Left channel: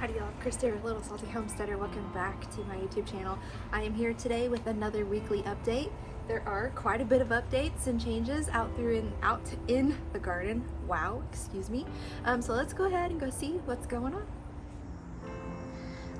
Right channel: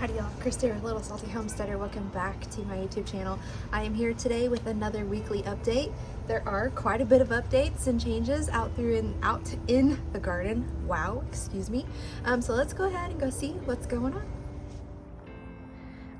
Howdy y'all, Christi with Little Salty Homesteader. Welcome back to my YouTube channel. I am here today with another weekly update. There are quite a bit of updates and changes out in the garden. Wow, excuse me. So let's go ahead and go see what's going on.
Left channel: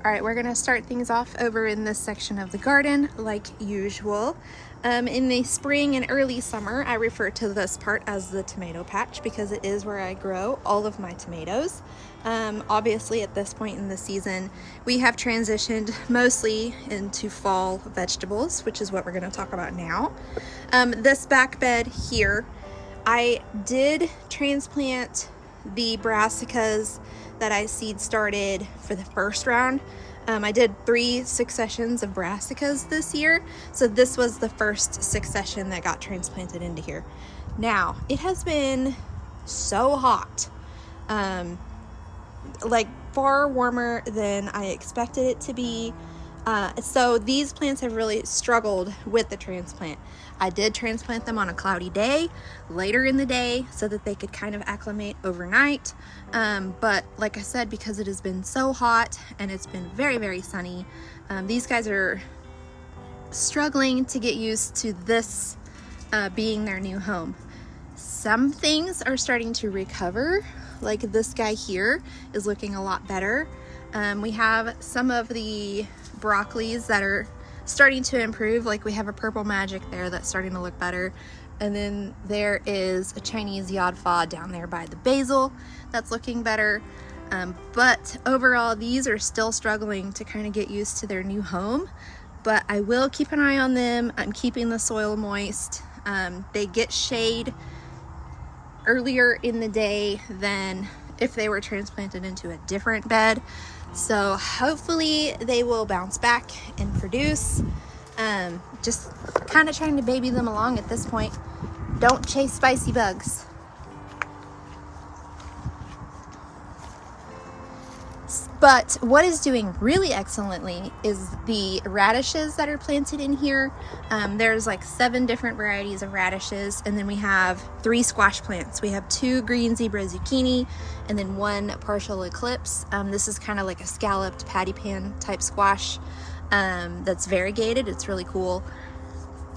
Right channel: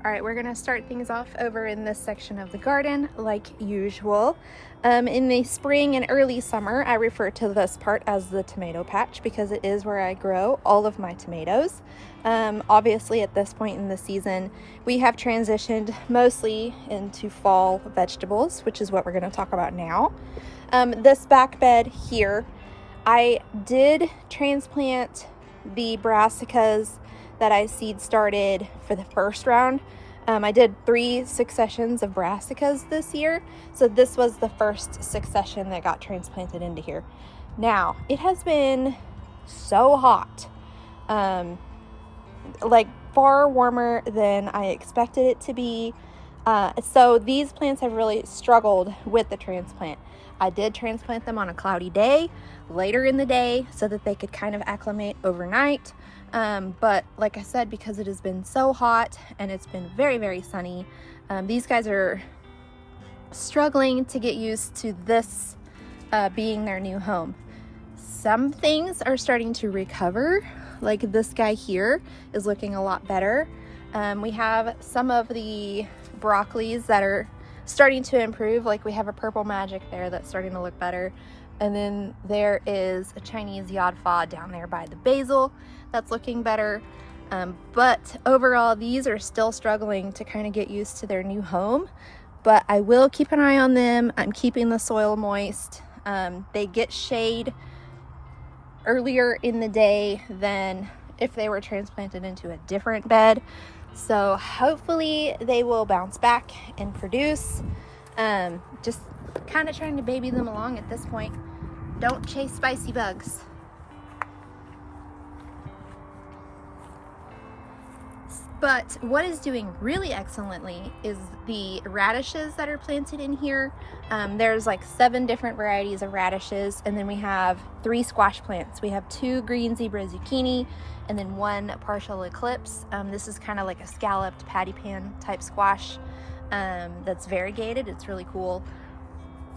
All right, we're gonna start things off over in this section of the garden like usual. In the spring and early summer, I refer to this part as the tomato patch because it is where I grow all of my tomatoes. Obviously at this point in the season, we have transitioned mostly into fall vegetables, which is what we're gonna talk about now. This back bed here, I did transplant the brassicas that I seed started for the first round. I did 3 successions of brassicas this year, so this was the first succession that got transplanted into here. Now, it has been so hot, like far warmer than I expected it to be, so these plants have really struggled with the transplant. I did transplant them on a cloudy day, later in the day, so that they could kind of acclimate overnight. But like I said, because it has been so hot and it's been very, very sunny, these guys are struggling to get used to this being their new home. Some things are starting to recover, like this guy here is looking a lot better. We have some of the broccolis that are starting to improve, like we have a purple magic there that's starting to look better. And then there is a Chinese yodfa down there by the basil that's looking better. But overall, these are still struggling to kind of get used to their new home, but I will keep an eye on them. I'm keeping the soil moist. They get shade earlier in the day than if they were transplanted into a different bed. So hopefully they will bounce back and produce. Just kind of trying to baby them along at this point. Don't chase spicy bugs. But what is doing really excellently is the radishes that are planted in here. There's like 7 different varieties of radishes, and then we have 3 squash plants. We have 2 green zebra zucchini and then 1 partial eclipse. This is kind of like a scalloped patty pan type squash that's variegated. It's really cool.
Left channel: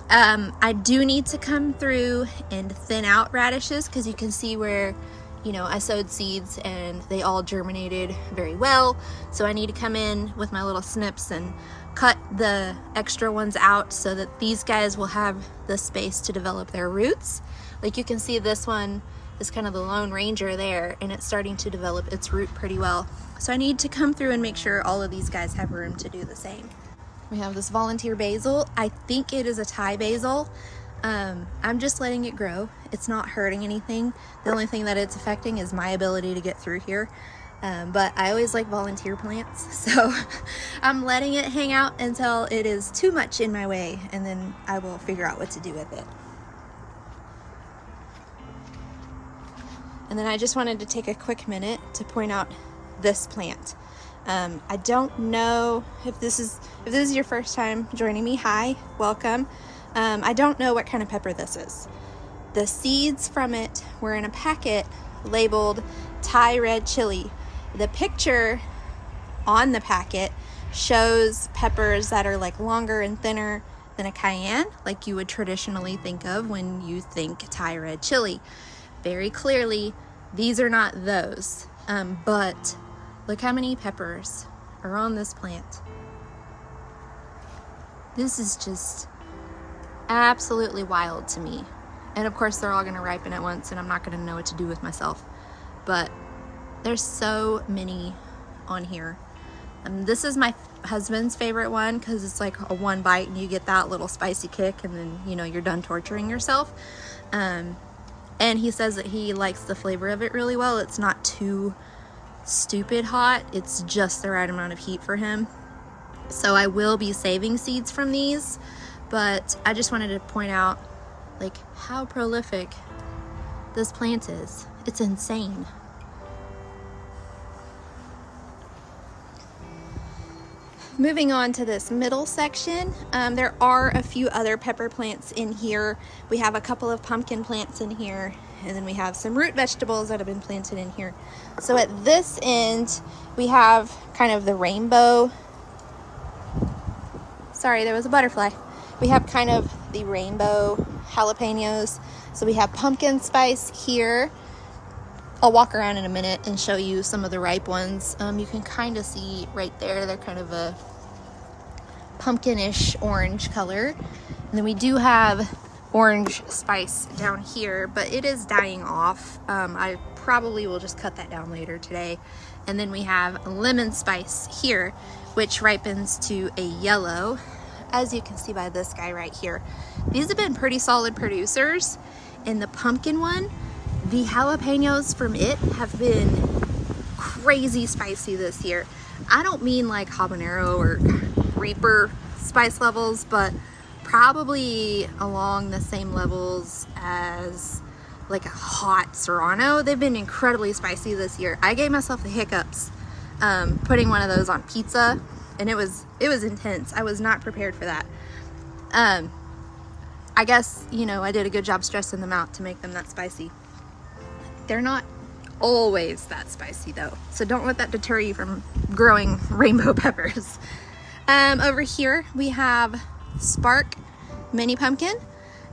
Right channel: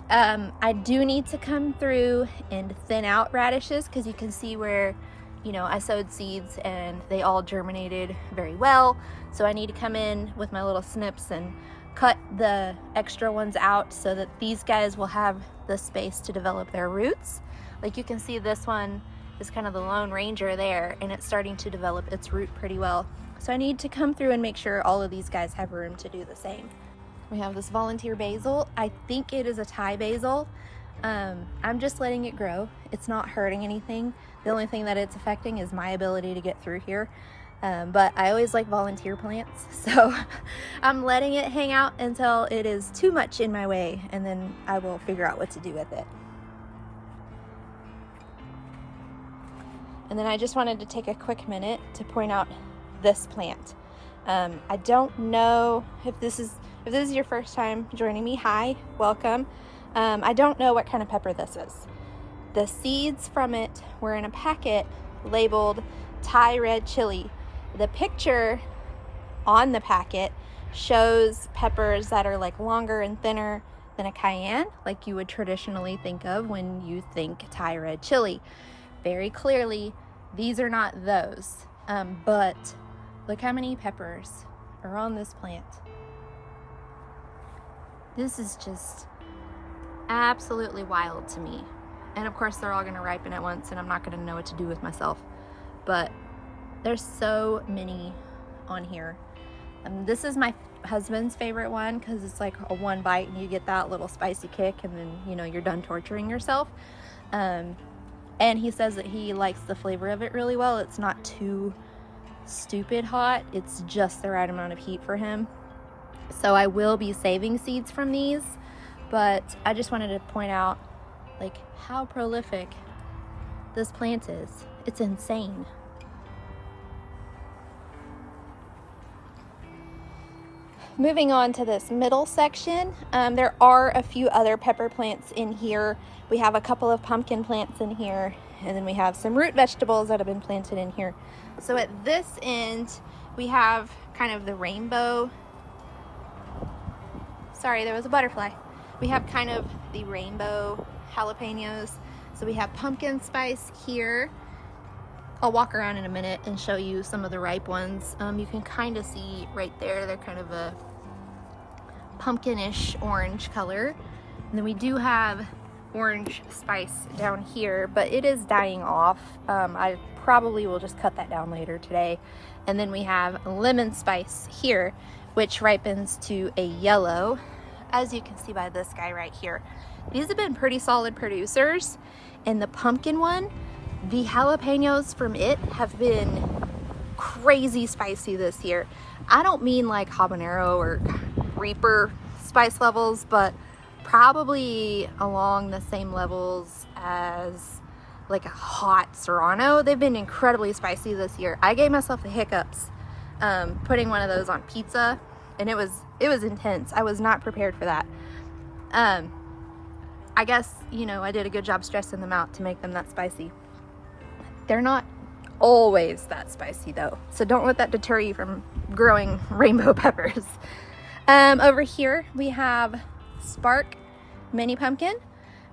I do need to come through and thin out radishes because you can see where, you know, I sowed seeds and they all germinated very well. So I need to come in with my little snips and cut the extra ones out so that these guys will have the space to develop their roots. Like you can see, this one is kind of the Lone Ranger there, and it's starting to develop its root pretty well. So I need to come through and make sure all of these guys have room to do the same. We have this volunteer basil. I think it is a Thai basil. I'm just letting it grow. It's not hurting anything. The only thing that it's affecting is my ability to get through here. But I always like volunteer plants, so I'm letting it hang out until it is too much in my way, and then I will figure out what to do with it. And then I just wanted to take a quick minute to point out this plant. I don't know if this is your first time joining me. Hi, welcome. I don't know what kind of pepper this is. The seeds from it were in a packet labeled Thai red chili. The picture on the packet shows peppers that are like longer and thinner than a cayenne, like you would traditionally think of when you think Thai red chili. Very clearly, these are not those. But look how many peppers are on this plant. This is just absolutely wild to me. And of course they're all going to ripen at once and I'm not going to know what to do with myself, but there's so many on here. This is my husband's favorite one because it's like a 1 bite and you get that little spicy kick, and then, you know, you're done torturing yourself. And he says that he likes the flavor of it really well. It's not too stupid hot, it's just the right amount of heat for him. So I will be saving seeds from these, but I just wanted to point out like how prolific this plant is. It's insane. Moving on to this middle section, there are a few other pepper plants in here. We have a couple of pumpkin plants in here, and then we have some root vegetables that have been planted in here. So at this end, We have kind of the rainbow. Sorry, there was a butterfly. We have kind of the rainbow jalapenos. So we have pumpkin spice here. I'll walk around in a minute and show you some of the ripe ones. You can kind of see right there, they're kind of a pumpkinish orange color. And then we do have orange spice down here, but it is dying off. I probably will just cut that down later today. And then we have lemon spice here, which ripens to a yellow, as you can see by this guy right here. These have been pretty solid producers. And the pumpkin one, the jalapenos from it have been crazy spicy this year. I don't mean like habanero or Reaper spice levels, but probably along the same levels as like a hot Serrano. They've been incredibly spicy this year. I gave myself the hiccups putting one of those on pizza, and it was intense. I was not prepared for that. I guess, you know, I did a good job stressing them out to make them that spicy. They're not always that spicy though, so don't let that deter you from growing rainbow peppers. Over here we have Spark Mini Pumpkin.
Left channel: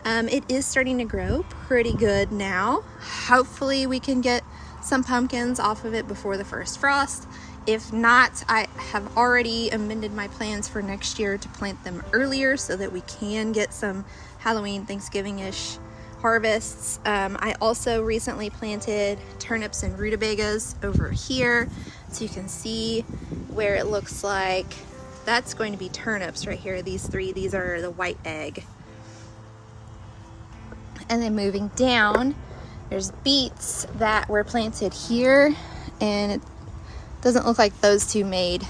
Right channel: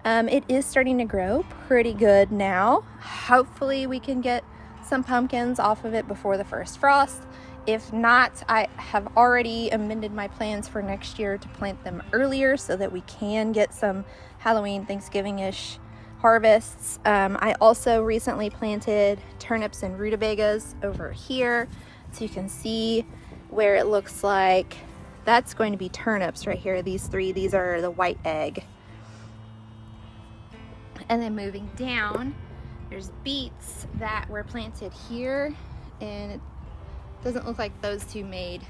It is starting to grow pretty good now. Hopefully we can get some pumpkins off of it before the first frost. If not, I have already amended my plans for next year to plant them earlier so that we can get some Halloween, Thanksgiving-ish harvests. I also recently planted turnips and rutabagas over here, so you can see where it looks like that's going to be turnips right here. These three, these are the white egg. And then moving down, there's beets that were planted here, and it doesn't look like those two made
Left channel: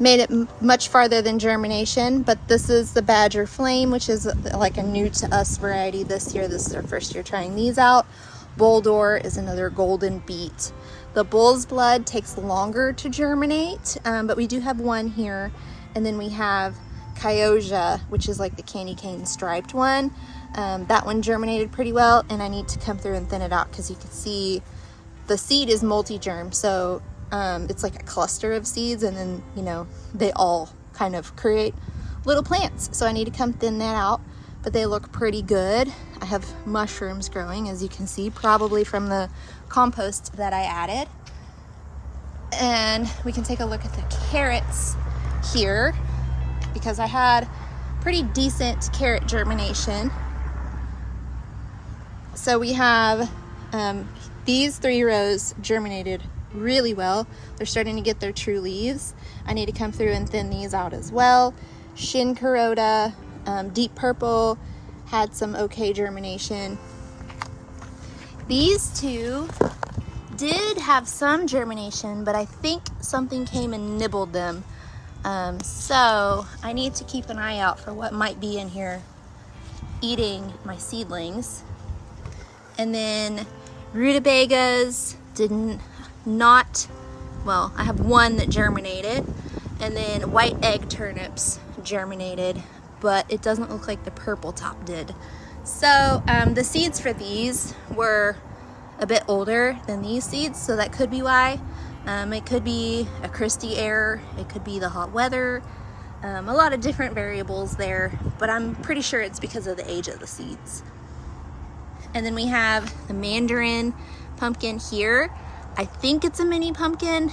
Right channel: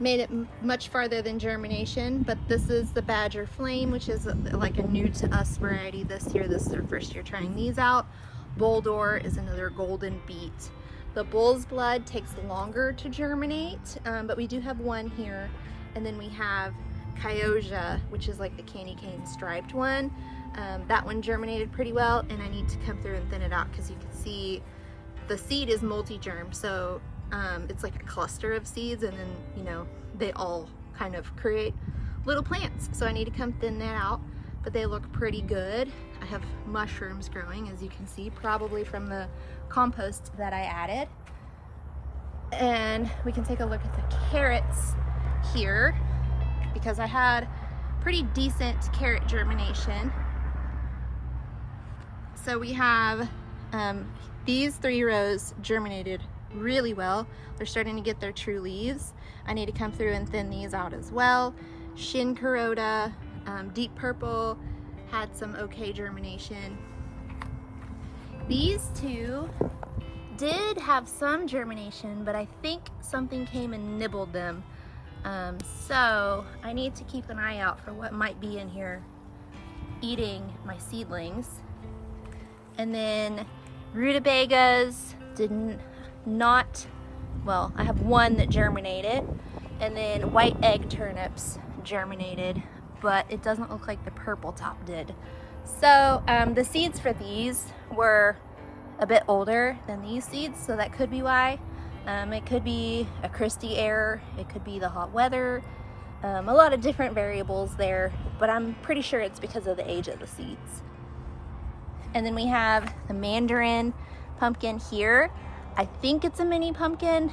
it much farther than germination, but this is the Badger Flame, which is like a new to us variety this year. This is our first year trying these out. Boldor is another golden beet. The Bull's Blood takes longer to germinate, but we do have one here. And then we have Kyoja, which is like the candy cane striped one. That one germinated pretty well, and I need to come through and thin it out because you can see the seed is multi-germ. So it's like a cluster of seeds, and then, you know, they all kind of create little plants. So I need to come thin that out, but they look pretty good. I have mushrooms growing, as you can see, probably from the compost that I added. And we can take a look at the carrots here, because I had pretty decent carrot germination. So we have these 3 rows germinated really well. They're starting to get their true leaves. I need to come through and thin these out as well. Shin Carota, deep purple, had some okay germination. These two did have some germination, but I think something came and nibbled them. So I need to keep an eye out for what might be in here eating my seedlings. And then rutabagas well, I have one that germinated, and then white egg turnips germinated, but it doesn't look like the purple top did. So the seeds for these were a bit older than these seeds, so that could be why. It could be a Christi error, it could be the hot weather, a lot of different variables there, but I'm pretty sure it's because of the age of the seeds. And then we have the mandarin pumpkin here. I think it's a mini pumpkin.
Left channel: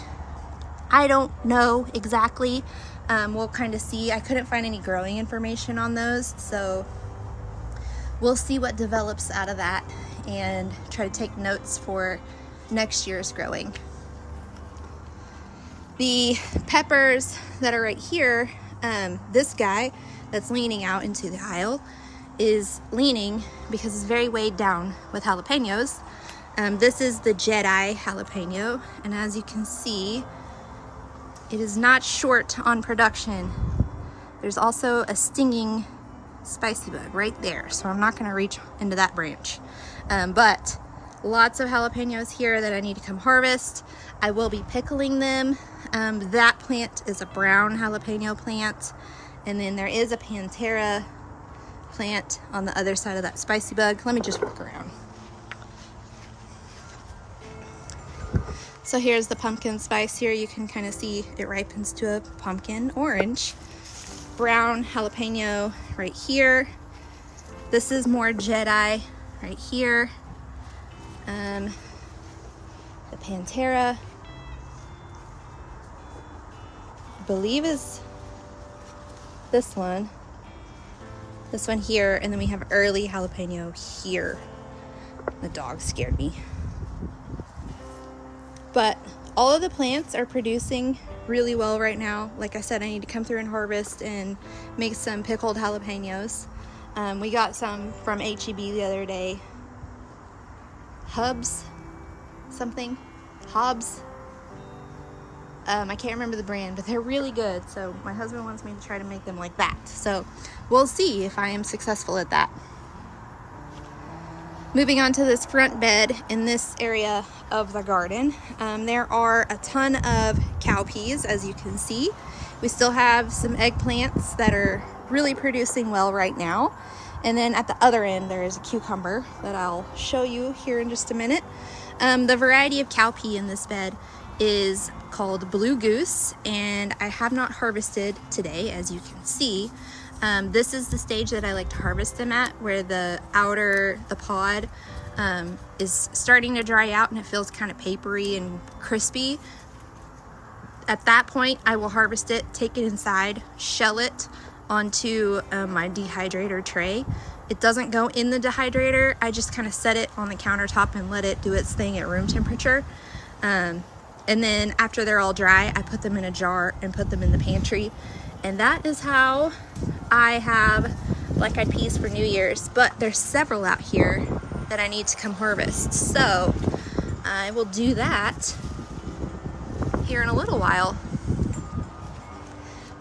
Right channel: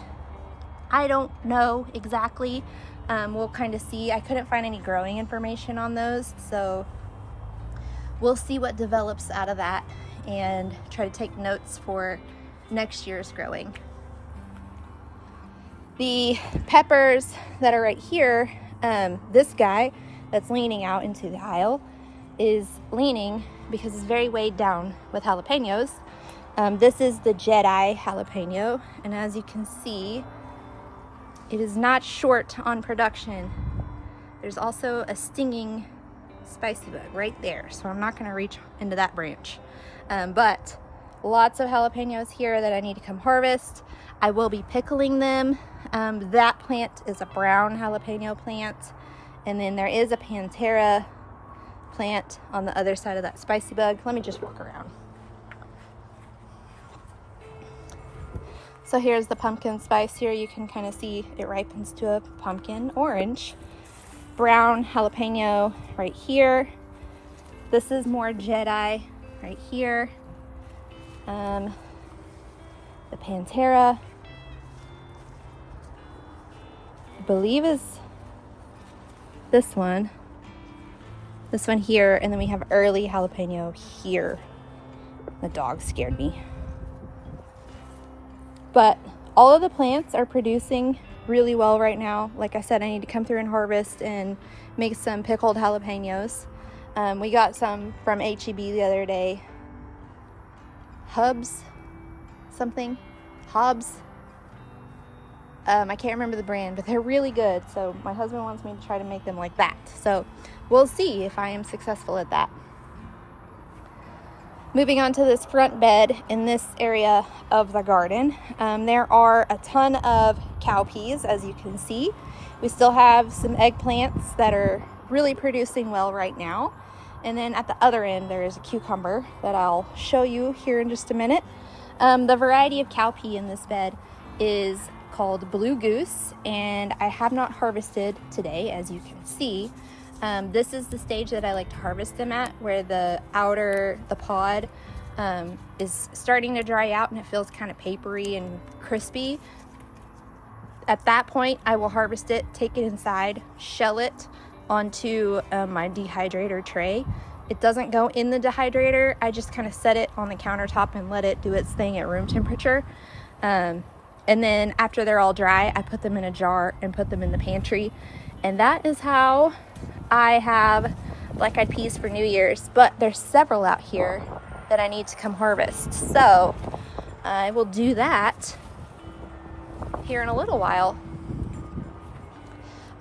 I don't know exactly. We'll kind of see. I couldn't find any growing information on those, so we'll see what develops out of that and try to take notes for next year's growing. The peppers that are right here, this guy that's leaning out into the aisle is leaning because it's very weighed down with jalapenos. This is the Jedi jalapeno, and as you can see, it is not short on production. There's also a stinging spicy bug right there, so I'm not going to reach into that branch. But lots of jalapenos here that I need to come harvest. I will be pickling them. That plant is a brown jalapeno plant, and then there is a Pantera plant on the other side of that spicy bug. Let me just walk around. So here's the pumpkin spice here. You can kind of see it ripens to a pumpkin orange. Brown jalapeno right here. This is more Jedi right here. The Pantera, I believe, is this one here, and then we have early jalapeno here. The dog scared me. But all of the plants are producing really well right now. Like I said, I need to come through and harvest and make some pickled jalapenos. We got some from HEB the other day. Hobbs. I can't remember the brand, but they're really good. So my husband wants me to try to make them like that. So we'll see if I am successful at that. Moving on to this front bed in this area of the garden, there are a ton of cowpeas, as you can see. We still have some eggplants that are really producing well right now. And then at the other end, there is a cucumber that I'll show you here in just a minute. The variety of cowpea in this bed is called Blue Goose, and I have not harvested today, as you can see. This is the stage that I like to harvest them at, where the pod is starting to dry out and it feels kind of papery and crispy. At that point, I will harvest it, take it inside, shell it onto my dehydrator tray. It doesn't go in the dehydrator. I just kind of set it on the countertop and let it do its thing at room temperature. And then after they're all dry, I put them in a jar and put them in the pantry. And that is how I have black-eyed peas for New Year's. But there's several out here that I need to come harvest. So I will do that here in a little while.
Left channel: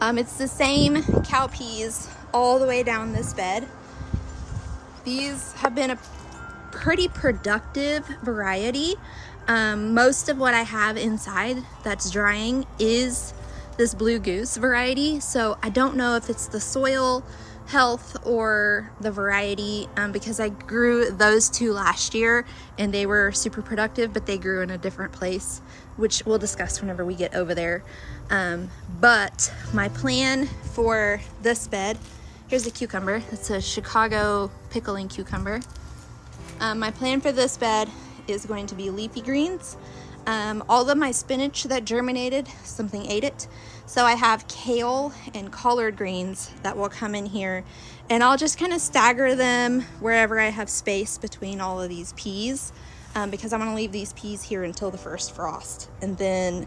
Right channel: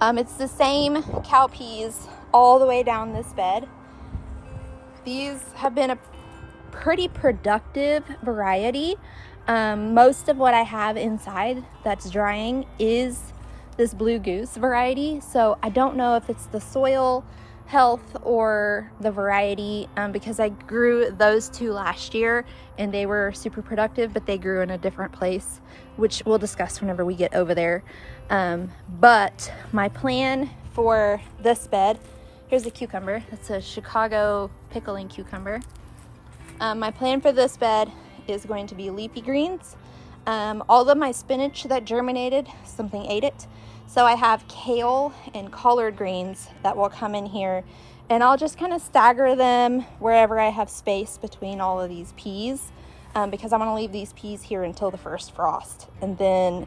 It's the same cowpeas all the way down this bed. These have been a pretty productive variety. Most of what I have inside that's drying is this Blue Goose variety. So I don't know if it's the soil health or the variety, because I grew those two last year and they were super productive, but they grew in a different place, which we'll discuss whenever we get over there. But my plan for this bed, here's a cucumber. It's a Chicago pickling cucumber. My plan for this bed is going to be leafy greens. All of my spinach that germinated, something ate it. So I have kale and collard greens that will come in here, and I'll just kind of stagger them wherever I have space between all of these peas, because I'm going to leave these peas here until the first frost. And then,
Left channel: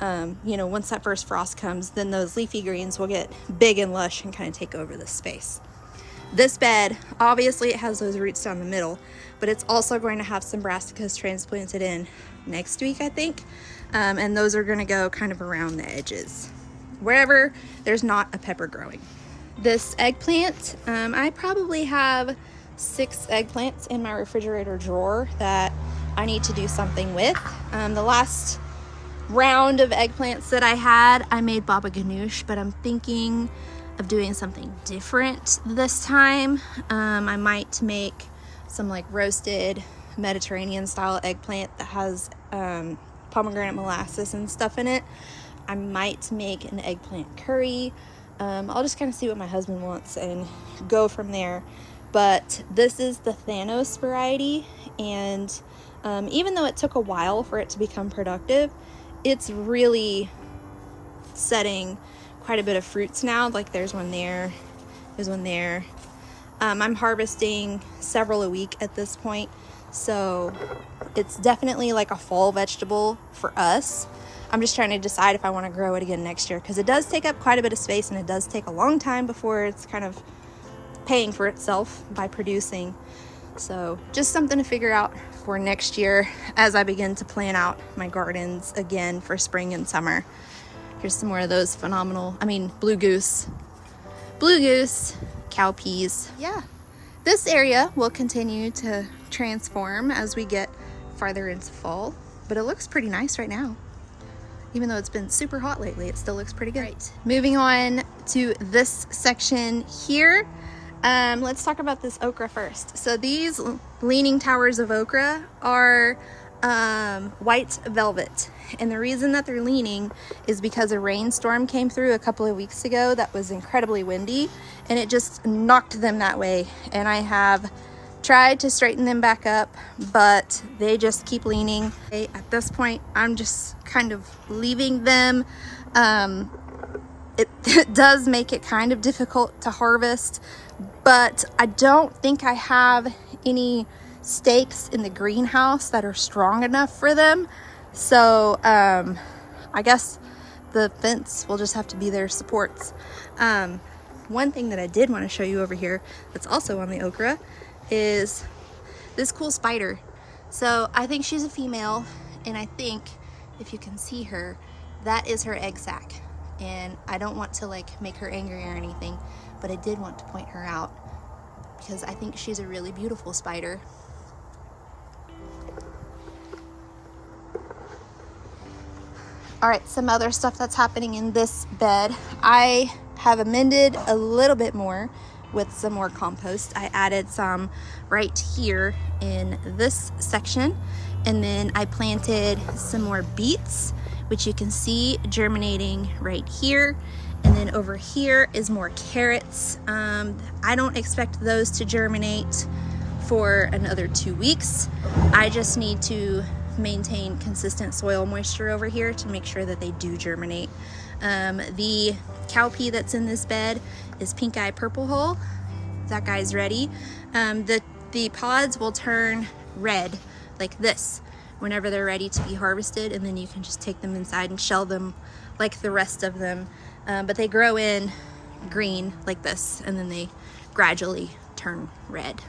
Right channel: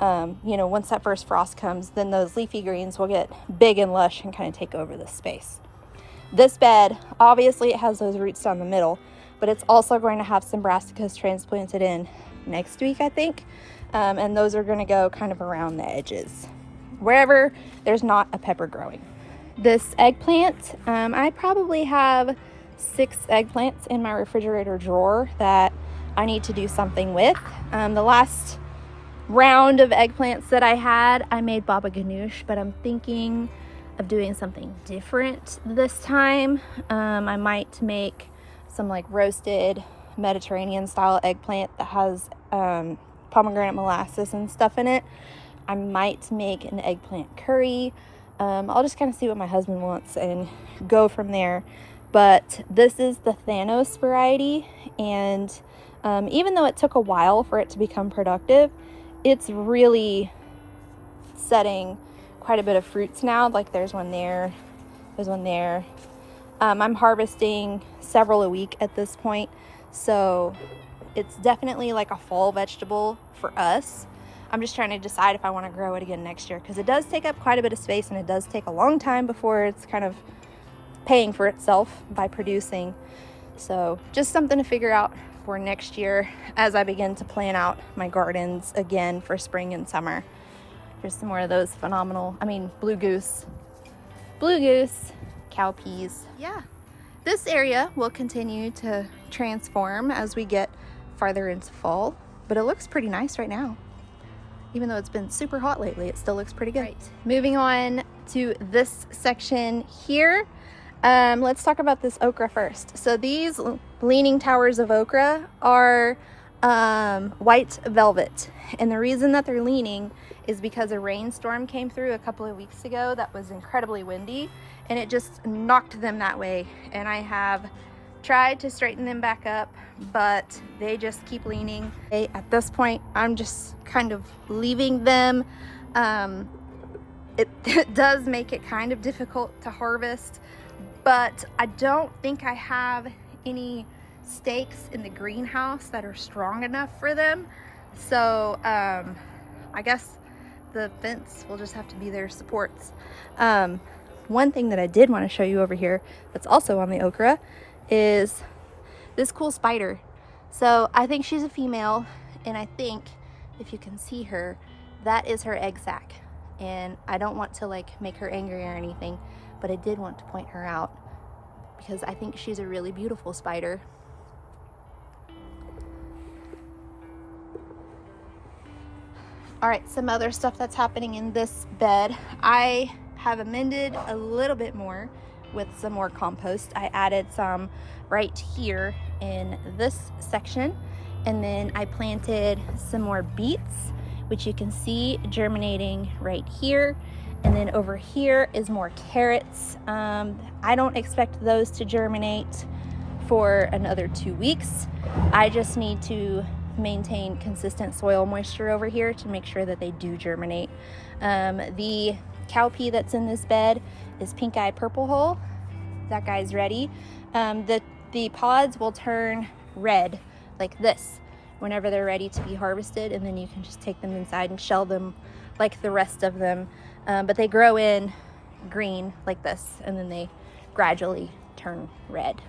once that first frost comes, then those leafy greens will get big and lush and kind of take over this space. This bed, obviously it has those roots down the middle, but it's also going to have some brassicas transplanted in next week, I think. And those are going to go kind of around the edges, wherever there's not a pepper growing. This eggplant, I probably have 6 eggplants in my refrigerator drawer that I need to do something with. The last round of eggplants that I had, I made baba ganoush, but I'm thinking of doing something different this time. I might make some like roasted Mediterranean style eggplant that has pomegranate molasses and stuff in it. I might make an eggplant curry. I'll just kind of see what my husband wants and go from there. But this is the Thanos variety, and even though it took a while for it to become productive, it's really setting quite a bit of fruits now. Like there's one there, there's one there. I'm harvesting several a week at this point, so it's definitely like a fall vegetable for us. I'm just trying to decide if I want to grow it again next year, because it does take up quite a bit of space and it does take a long time before it's kind of paying for itself by producing. So just something to figure out for next year as I begin to plan out my gardens again for spring and summer. Here's some more of those Blue Goose, cowpeas. Yeah, this area will continue to transform as we get farther into fall, but it looks pretty nice right now. Even though it's been super hot lately, it still looks pretty good. Right. Moving on to this section here. Let's talk about this okra first. So these leaning towers of okra are white velvet. And the reason that they're leaning is because a rainstorm came through a couple of weeks ago that was incredibly windy, and it just knocked them that way. And I have tried to straighten them back up, but they just keep leaning. At this point, I'm just kind of leaving them. It does make it kind of difficult to harvest, but I don't think I have any stakes in the greenhouse that are strong enough for them. So I guess the fence will just have to be their supports. One thing that I did want to show you over here that's also on the okra is this cool spider. So I think she's a female, and I think if you can see her, that is her egg sac. And I don't want to like make her angry or anything, but I did want to point her out because I think she's a really beautiful spider. All right, some other stuff that's happening in this bed. I have amended a little bit more with some more compost. I added some right here in this section, and then I planted some more beets, which you can see germinating right here. And then over here is more carrots. I don't expect those to germinate for another 2 weeks. I just need to maintain consistent soil moisture over here to make sure that they do germinate. The cowpea that's in this bed is pink eye purple hull. That guy's ready. The pods will turn red like this whenever they're ready to be harvested, and then you can just take them inside and shell them like the rest of them. But they grow in green like this, and then they gradually turn red.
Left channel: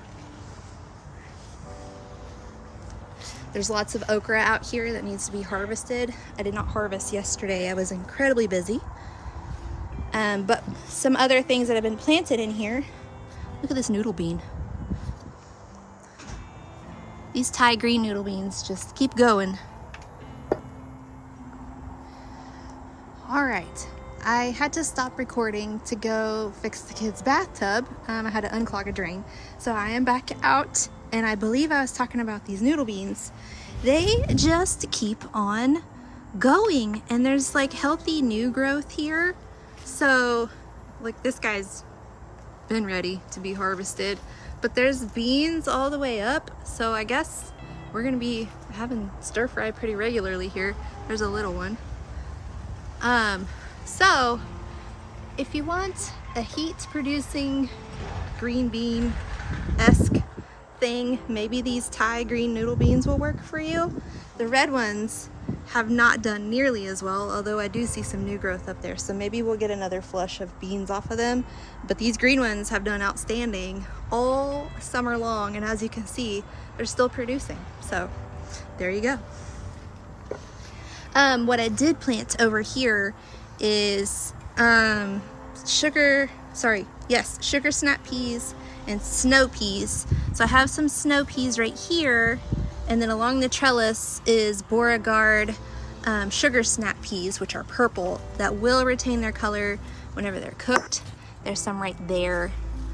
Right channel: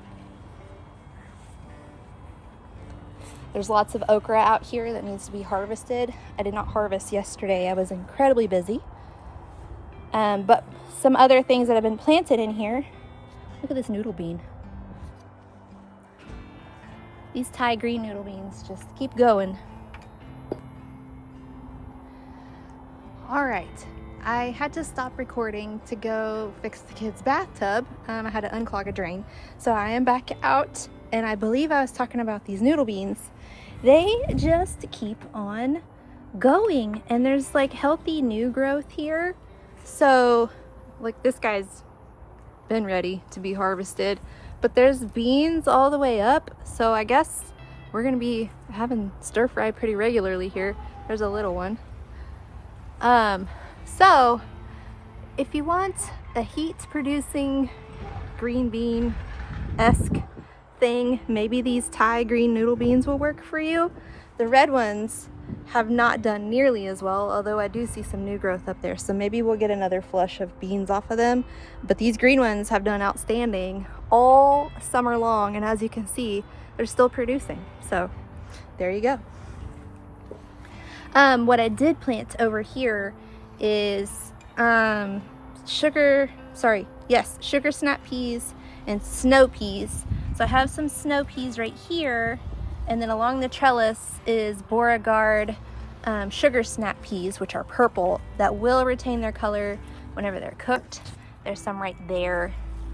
There's lots of okra out here that needs to be harvested. I did not harvest yesterday. I was incredibly busy. But some other things that have been planted in here. Look at this noodle bean. These Thai green noodle beans just keep going. All right, I had to stop recording to go fix the kids' bathtub. I had to unclog a drain. So I am back out, and I believe I was talking about these noodle beans. They just keep on going, and there's like healthy new growth here. So like this guy's been ready to be harvested, but there's beans all the way up. So I guess we're gonna be having stir fry pretty regularly here. There's a little one. So if you want a heat producing green bean-esque thing, maybe these Thai green noodle beans will work for you. The red ones have not done nearly as well, although I do see some new growth up there, so maybe we'll get another flush of beans off of them. But these green ones have done outstanding all summer long, and as you can see, they're still producing. So there you go. What I did plant over here is sugar snap peas and snow peas. So I have some snow peas right here, and then along the trellis is Beauregard sugar snap peas, which are purple, that will retain their color whenever they're cooked. There's some right there.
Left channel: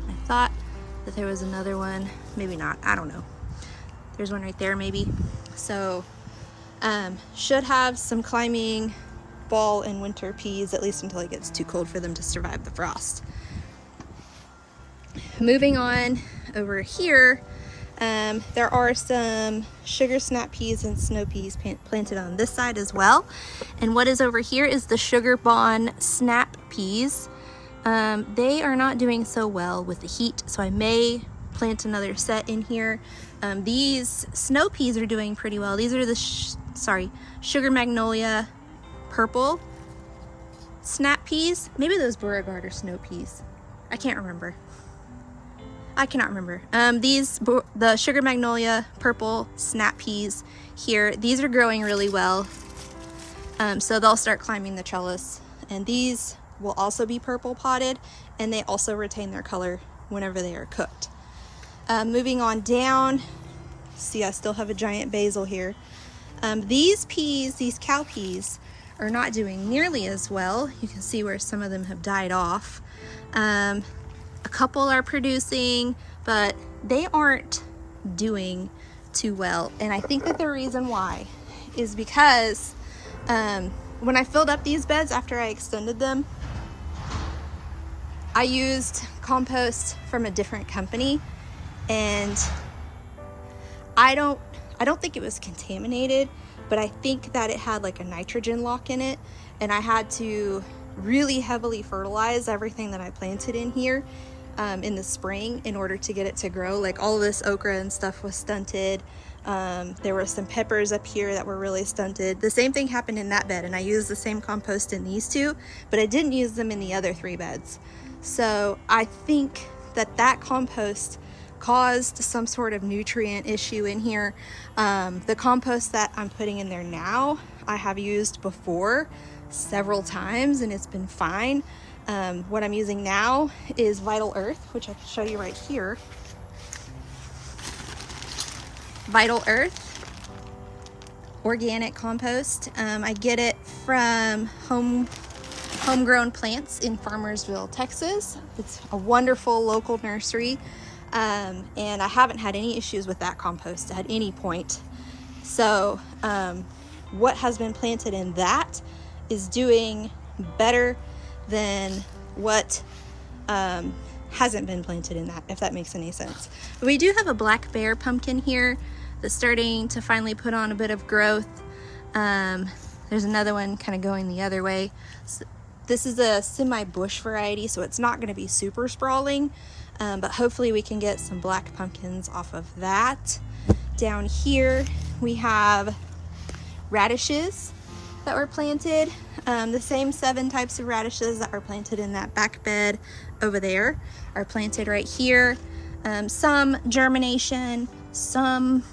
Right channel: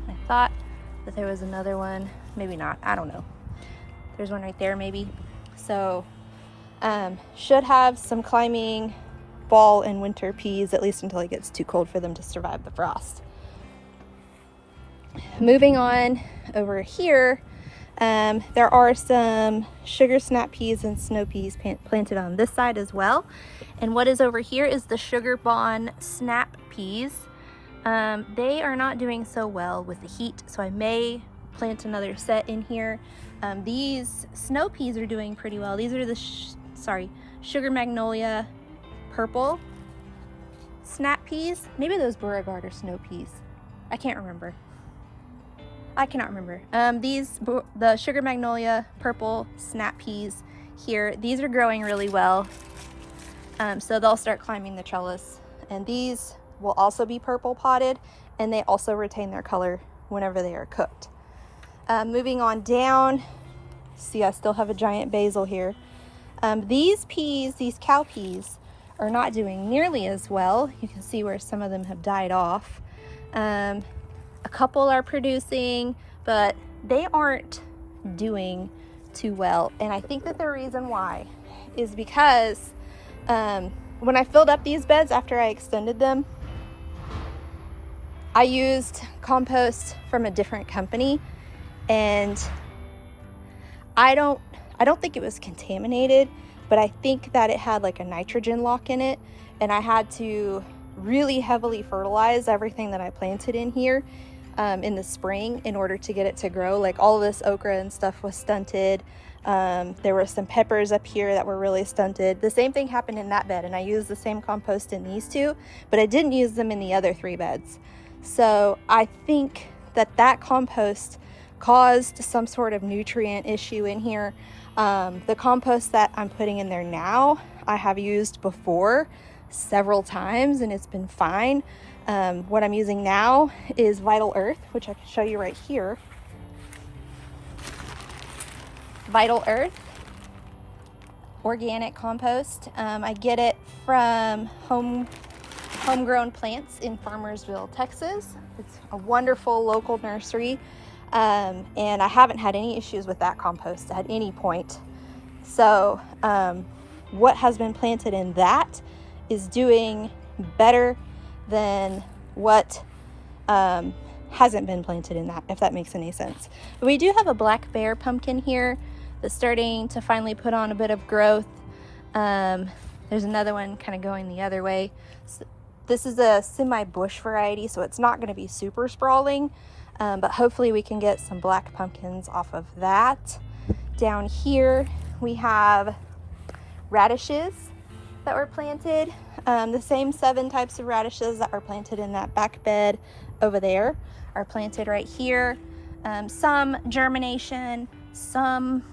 I thought that there was another one, maybe not, I don't know. There's one right there maybe. So should have some climbing fall and winter peas, at least until it gets too cold for them to survive the frost. Moving on over here, there are some sugar snap peas and snow peas planted on this side as well. And what is over here is the Sugar Bond snap peas. They are not doing so well with the heat, so I may plant another set in here. These snow peas are doing pretty well. These are the Sugar Magnolia purple snap peas. Maybe those Beauregard are snow peas. I cannot remember. The Sugar Magnolia purple snap peas here, these are growing really well. So they'll start climbing the trellis, and these will also be purple potted, and they also retain their color whenever they are cooked. Moving on down, see, I still have a giant basil here. These peas, these cowpeas, are not doing nearly as well. You can see where some of them have died off. A couple are producing, but they aren't doing too well. And I think that the reason why is because when I filled up these beds after I extended them, I used compost from a different company, and I don't think it was contaminated, but I think that it had like a nitrogen lock in it, and I had to really heavily fertilize everything that I planted in here in the spring in order to get it to grow. Like all this okra and stuff was stunted. There were some peppers up here that were really stunted. The same thing happened in that bed, and I used the same compost in these two, but I didn't use them in the other 3 beds. So I think that that compost caused some sort of nutrient issue in here. The compost that I'm putting in there now, I have used before several times and it's been fine. What I'm using now is Vital Earth, which I can show you right here. Vital Earth organic compost. I get it from Homegrown Plants in Farmersville, Texas. It's a wonderful local nursery, and I haven't had any issues with that compost at any point. So what has been planted in that is doing better than what hasn't been planted in that, if that makes any sense. But we do have a black bear pumpkin here that's starting to finally put on a bit of growth. There's another one kind of going the other way. So this is a semi-bush variety, so it's not going to be super sprawling, but hopefully we can get some black pumpkins off of that. Down here we have radishes that were planted. The same 7 types of radishes that are planted in that back bed over there are planted right here. Some germination, some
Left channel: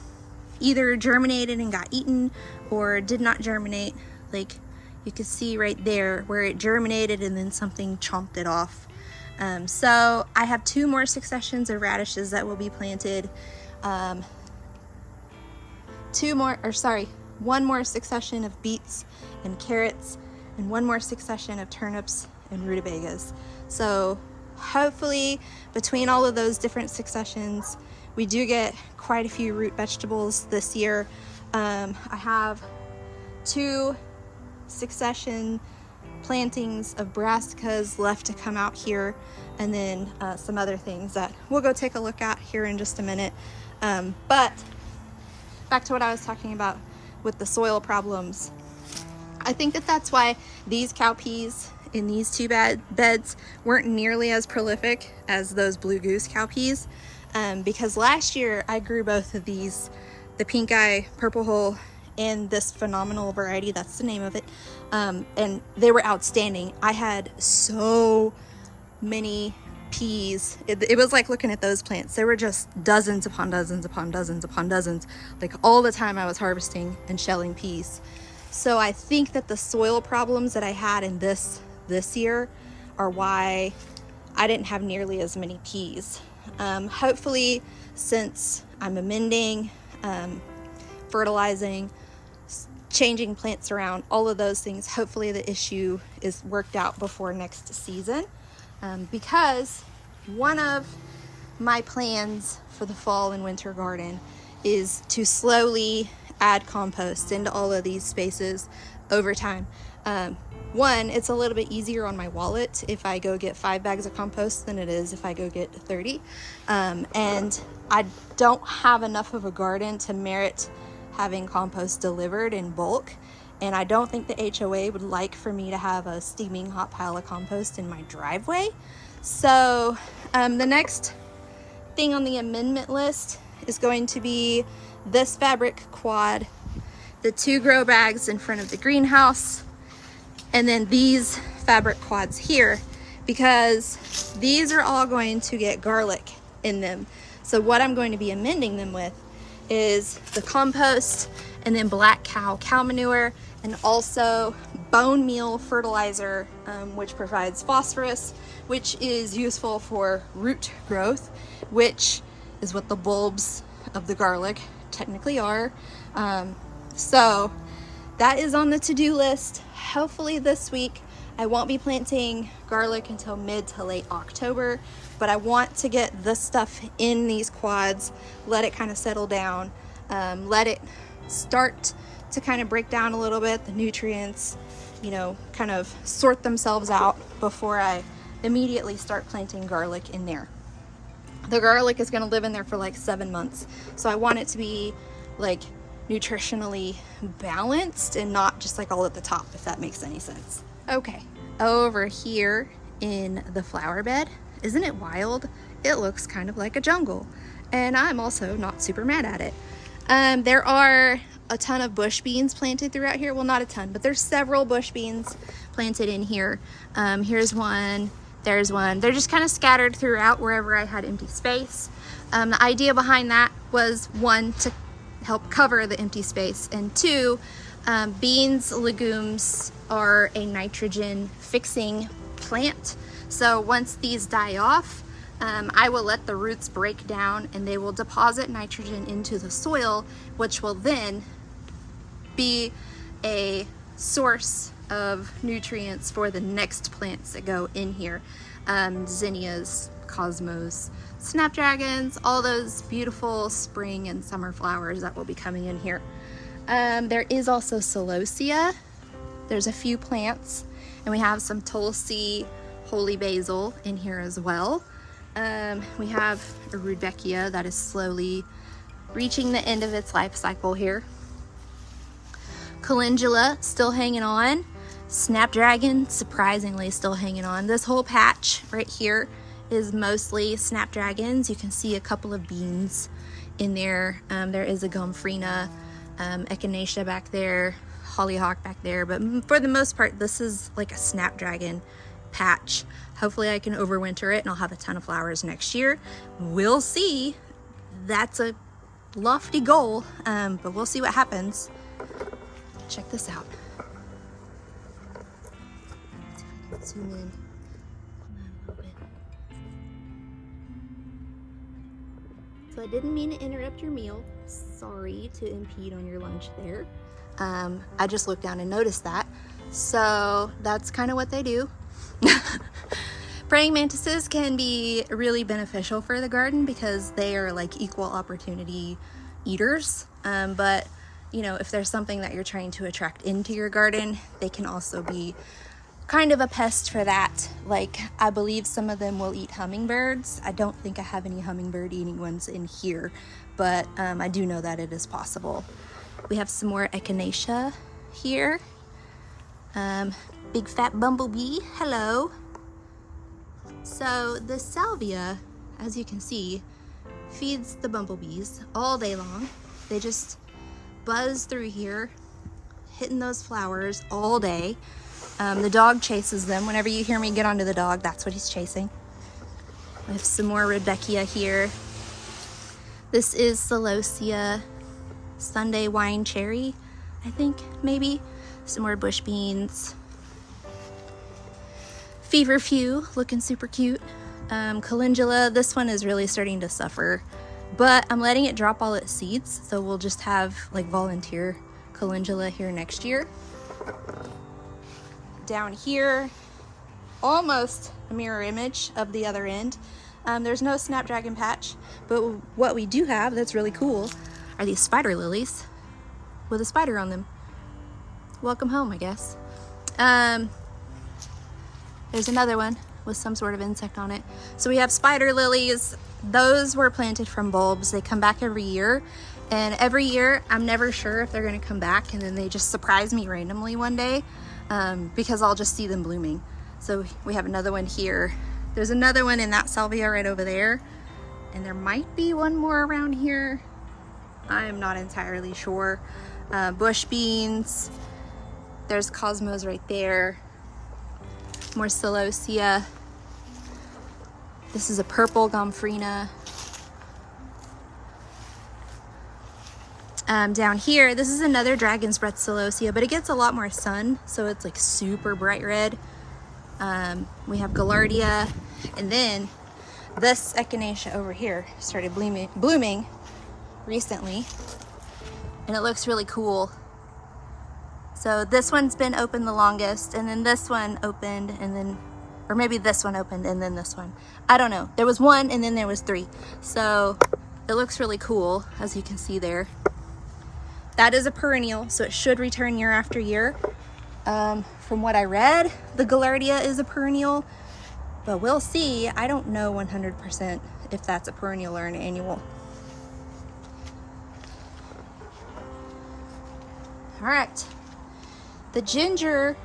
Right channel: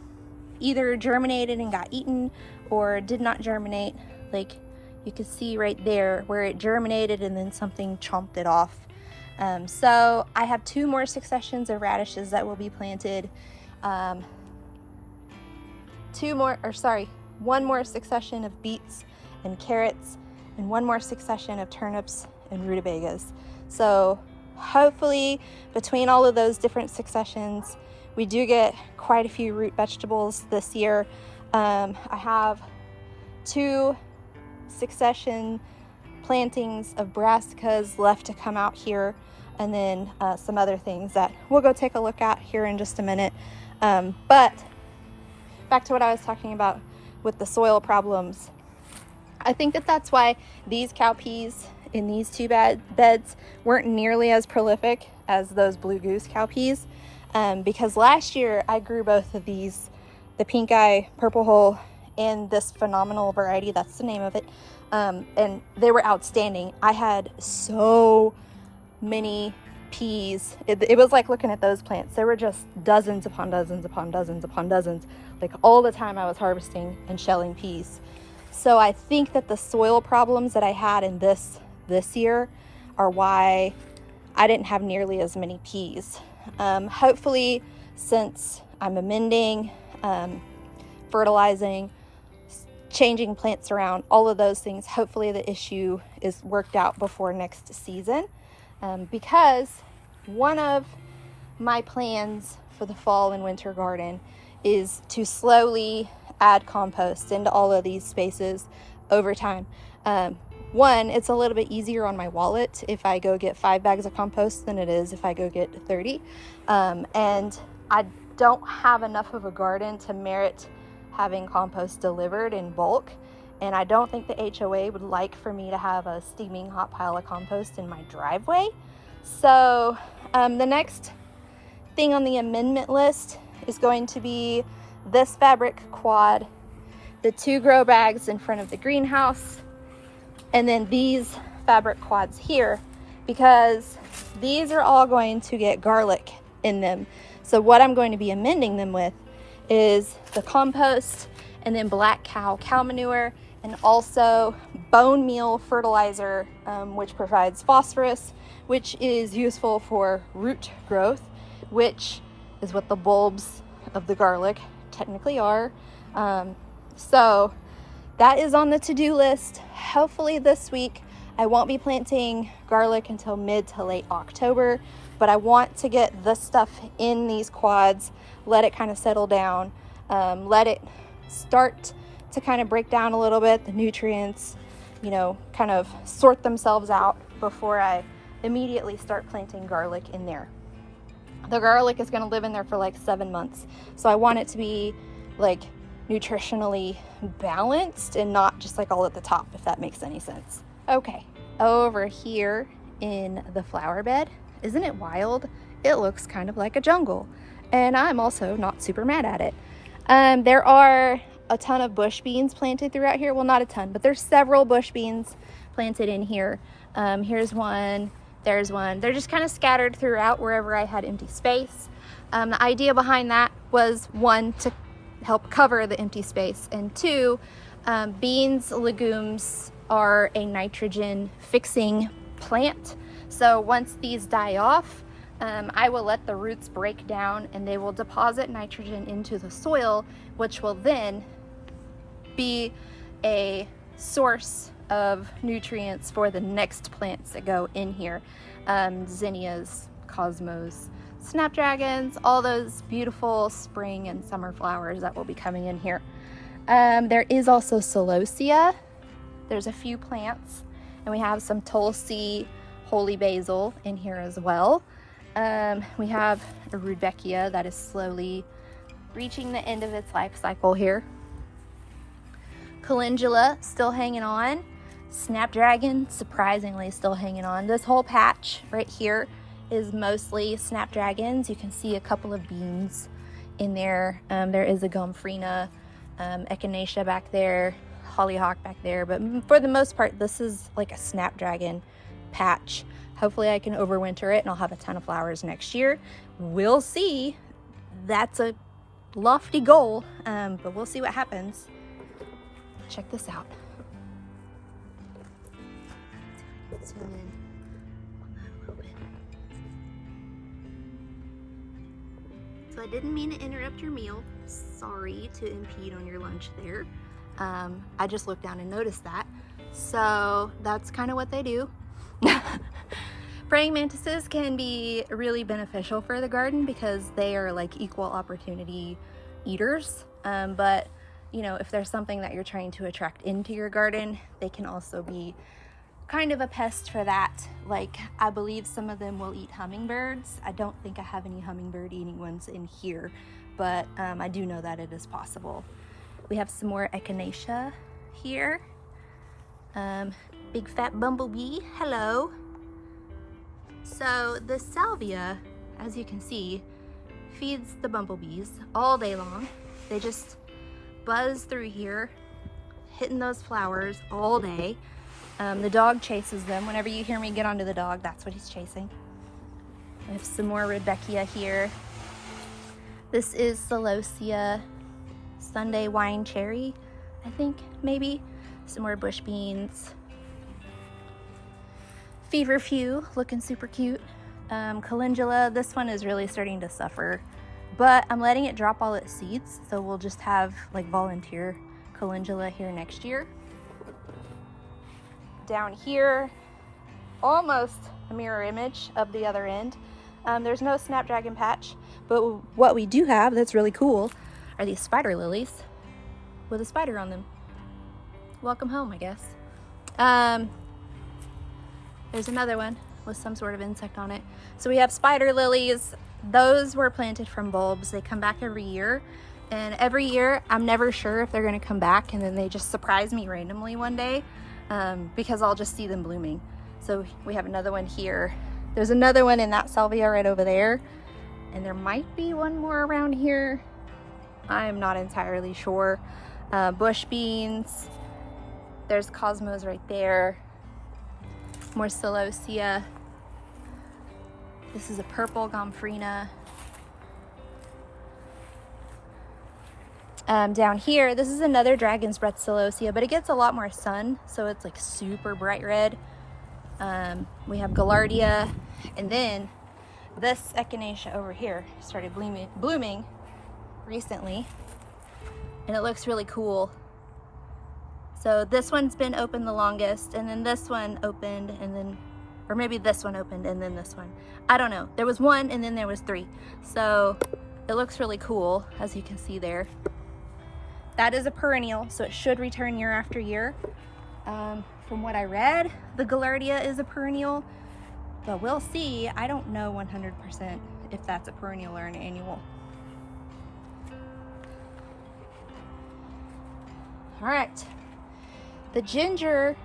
either germinated and got eaten or did not germinate. Like you can see right there where it germinated and then something chomped it off. So I have 2 more successions of radishes that will be planted. 1 more succession of beets and carrots, and 1 more succession of turnips and rutabagas. So hopefully between all of those different successions, we do get quite a few root vegetables this year. I have 2 succession plantings of brassicas left to come out here, and then some other things that we'll go take a look at here in just a minute. But back to what I was talking about with the soil problems. I think that that's why these cowpeas in these 2 beds weren't nearly as prolific as those blue goose cowpeas, because last year I grew both of these, the pink eye purple hole and this phenomenal variety, that's the name of it, and they were outstanding. I had so many peas. It was like looking at those plants. There were just dozens upon dozens upon dozens upon dozens. Like all the time I was harvesting and shelling peas. So I think that the soil problems that I had in this year are why I didn't have nearly as many peas. Hopefully, since I'm amending, fertilizing, changing plants around, all of those things, hopefully the issue is worked out before next season. Because one of my plans for the fall and winter garden is to slowly add compost into all of these spaces over time. One, it's a little bit easier on my wallet if I go get 5 bags of compost than it is if I go get 30. And I don't have enough of a garden to merit having compost delivered in bulk. And I don't think the HOA would like for me to have a steaming hot pile of compost in my driveway. So the next thing on the amendment list is going to be this fabric quad, the 2 grow bags in front of the greenhouse, and then these fabric quads here, because these are all going to get garlic in them. So what I'm going to be amending them with is the compost, and then black cow manure, and also bone meal fertilizer, which provides phosphorus, which is useful for root growth, which is what the bulbs of the garlic technically are. So that is on the to-do list. Hopefully this week. I won't be planting garlic until mid to late October, but I want to get this stuff in these quads, let it kind of settle down, let it start to kind of break down a little bit, the nutrients, you know, kind of sort themselves out before I immediately start planting garlic in there. The garlic is going to live in there for like 7 months, so I want it to be like nutritionally balanced and not just like all at the top, if that makes any sense. Okay, over here in the flower bed, isn't it wild? It looks kind of like a jungle, and I'm also not super mad at it. There are a ton of bush beans planted throughout here. Well, not a ton, but there's several bush beans planted in here. Here's one, there's one. They're just kind of scattered throughout wherever I had empty space. The idea behind that was, one, to help cover the empty space, and two, beans, legumes are a nitrogen fixing plant. So once these die off, I will let the roots break down and they will deposit nitrogen into the soil, which will then be a source of nutrients for the next plants that go in here. Zinnias, cosmos, snapdragons, all those beautiful spring and summer flowers that will be coming in here. There is also celosia. There's a few plants, and we have some tulsi, holy basil in here as well. We have a rudbeckia that is slowly reaching the end of its life cycle here. Calendula still hanging on. Snapdragon surprisingly still hanging on. This whole patch right here is mostly snapdragons. You can see a couple of beans in there. There is a gomphrena, echinacea back there, hollyhock back there, but for the most part this is like a snapdragon patch. Hopefully I can overwinter it and I'll have a ton of flowers next year. We'll see. That's a lofty goal, but we'll see what happens. Check this out. Let's see if I can zoom in on that a little bit. So I didn't mean to interrupt your meal. Sorry to impede on your lunch there. I just looked down and noticed that. So that's kind of what they do. Praying mantises can be really beneficial for the garden because they are like equal opportunity eaters. But you know, if there's something that you're trying to attract into your garden, they can also be kind of a pest for that. Like, I believe some of them will eat hummingbirds. I don't think I have any hummingbird eating ones in here, but I do know that it is possible. We have some more echinacea here. Big fat bumblebee, hello. So the salvia, as you can see, feeds the bumblebees all day long. They just buzz through here, hitting those flowers all day. The dog chases them. Whenever you hear me get onto the dog, that's what he's chasing. I have some more rudbeckia here. This is celosia, Sunday wine cherry, I think, maybe. Some more bush beans. Feverfew, looking super cute. Calendula, this one is really starting to suffer, but I'm letting it drop all its seeds, so we'll just have like volunteer calendula here next year. Down here, almost a mirror image of the other end. There's no snapdragon patch, but what we do have that's really cool are these spider lilies with a spider on them. Welcome home, I guess. There's another one with some sort of insect on it. So we have spider lilies. Those were planted from bulbs. They come back every year, and every year I'm never sure if they're going to come back, and then they just surprise me randomly one day, because I'll just see them blooming. So we have another one here. There's another one in that salvia right over there, and there might be one more around here. I am not entirely sure. Bush beans. There's cosmos right there. More celosia. This is a purple gomphrena. Down here, this is another dragon's breath celosia, but it gets a lot more sun, so it's like super bright red. We have gaillardia, and then this echinacea over here started blooming recently, and it looks really cool. So this one's been open the longest, and then this one opened, and then, or maybe this one opened and then this one. I don't know. There was one and then there was three. So it looks really cool, as you can see there. that is a perennial, so it should return year after year. From what I read, the Gaillardia is a perennial, but we'll see. I don't know 100% if that's a perennial or an annual. All right, the ginger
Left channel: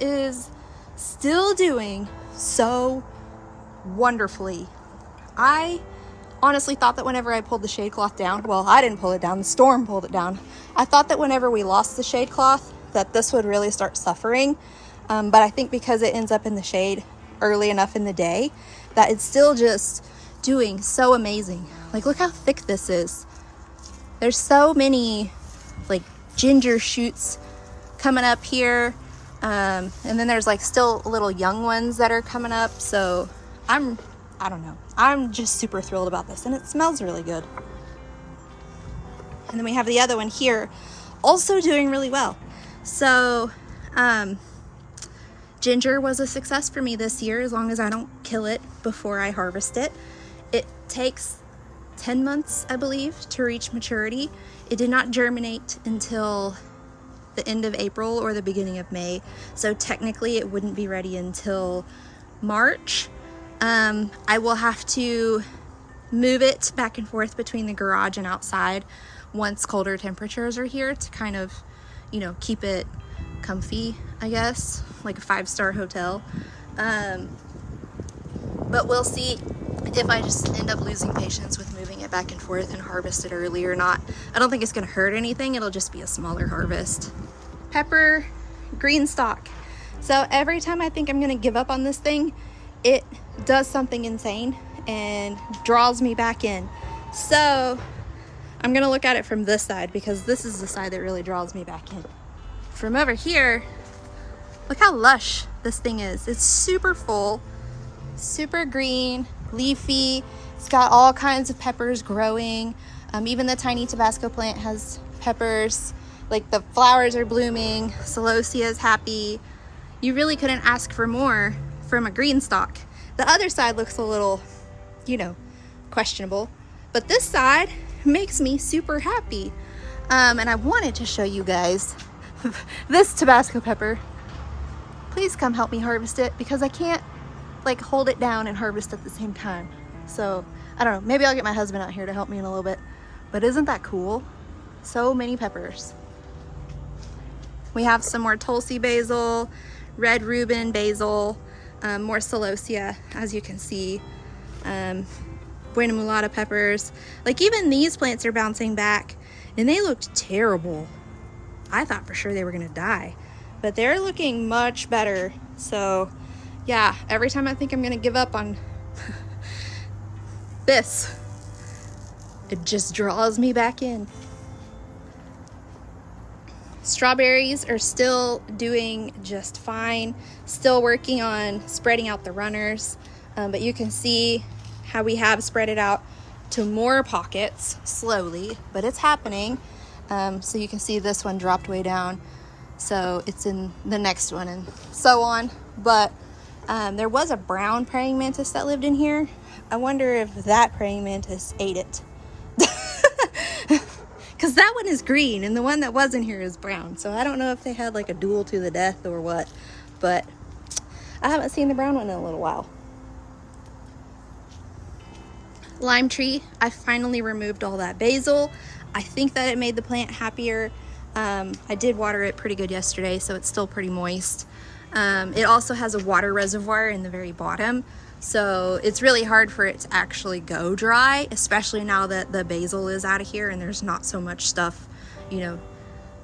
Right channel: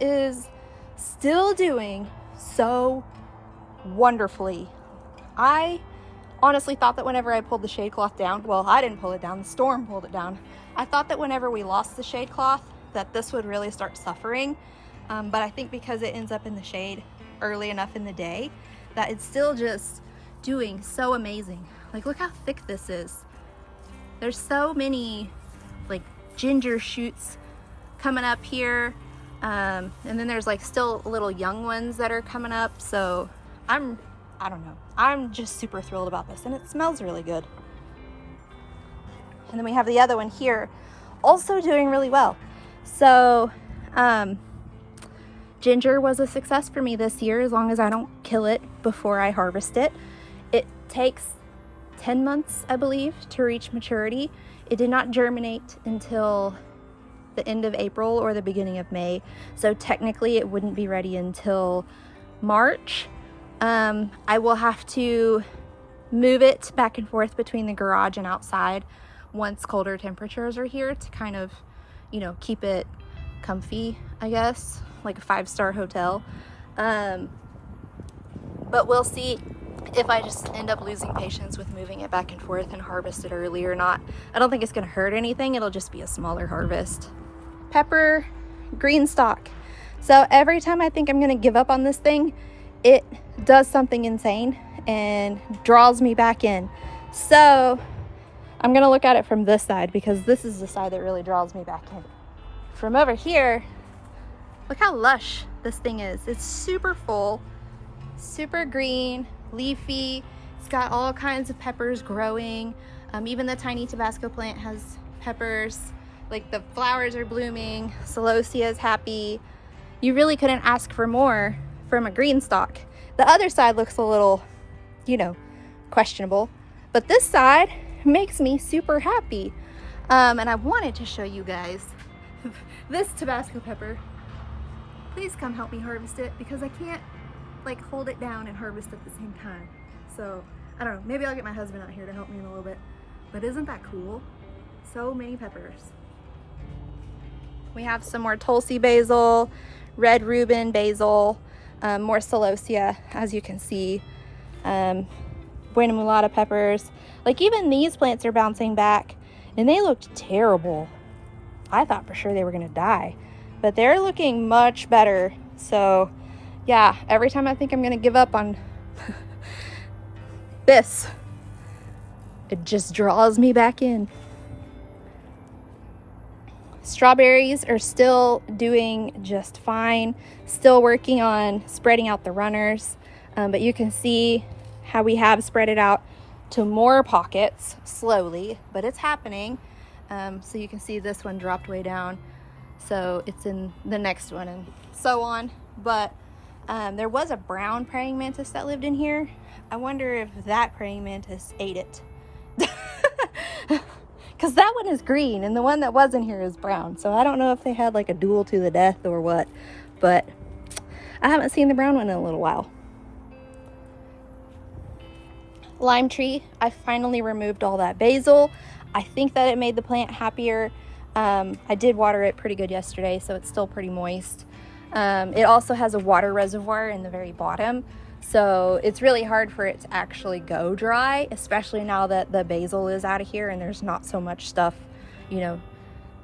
is still doing so wonderfully. I honestly thought that whenever I pulled the shade cloth down, well, I didn't pull it down, the storm pulled it down. I thought that whenever we lost the shade cloth that this would really start suffering, but I think because it ends up in the shade early enough in the day that it's still just doing so amazing. Like, look how thick this is. There's so many like ginger shoots coming up here, and then there's like still little young ones that are coming up. So I don't know, I'm just super thrilled about this, and it smells really good. And then we have the other one here also doing really well. So ginger was a success for me this year, as long as I don't kill it before I harvest it. It takes 10 months, I believe, to reach maturity. It did not germinate until the end of April or the beginning of May, so technically it wouldn't be ready until March. I will have to move it back and forth between the garage and outside once colder temperatures are here to kind of, you know, keep it comfy, I guess, like a 5-star hotel. But we'll see if I just end up losing patience with moving it back and forth and harvest it early or not. I don't think it's gonna hurt anything. It'll just be a smaller harvest. Pepper, green stalk. So every time I think I'm gonna give up on this thing, it does something insane and draws me back in. So I'm gonna look at it from this side, because this is the side that really draws me back in. From over here, look how lush this thing is. It's super full, super green, leafy. It's got all kinds of peppers growing. Even the tiny Tabasco plant has peppers. Like, the flowers are blooming. Celosia is happy. You really couldn't ask for more from a green stalk. The other side looks a little, you know, questionable, but this side makes me super happy. And I wanted to show you guys this Tabasco pepper. Please come help me harvest it, because I can't like hold it down and harvest at the same time. So I don't know, maybe I'll get my husband out here to help me in a little bit. But isn't that cool? So many peppers. We have some more Tulsi basil, red Reuben basil, more celosia, as you can see. Buena mulata peppers. Like, even these plants are bouncing back, and they looked terrible. I thought for sure they were gonna die, but they're looking much better. So yeah, every time I think I'm gonna give up on this, it just draws me back in. Strawberries are still doing just fine. Still working on spreading out the runners, but you can see how we have spread it out to more pockets slowly, but it's happening. So you can see this one dropped way down, so it's in the next one, and so on. But there was a brown praying mantis that lived in here. I wonder if that praying mantis ate it. Because that one is green and the one that was in here is brown. So I don't know if they had like a duel to the death or what, but I haven't seen the brown one in a little while. Lime tree, I finally removed all that basil. I think that it made the plant happier. I did water it pretty good yesterday, so it's still pretty moist. It also has a water reservoir in the very bottom, so it's really hard for it to actually go dry, especially now that the basil is out of here and there's not so much stuff, you know,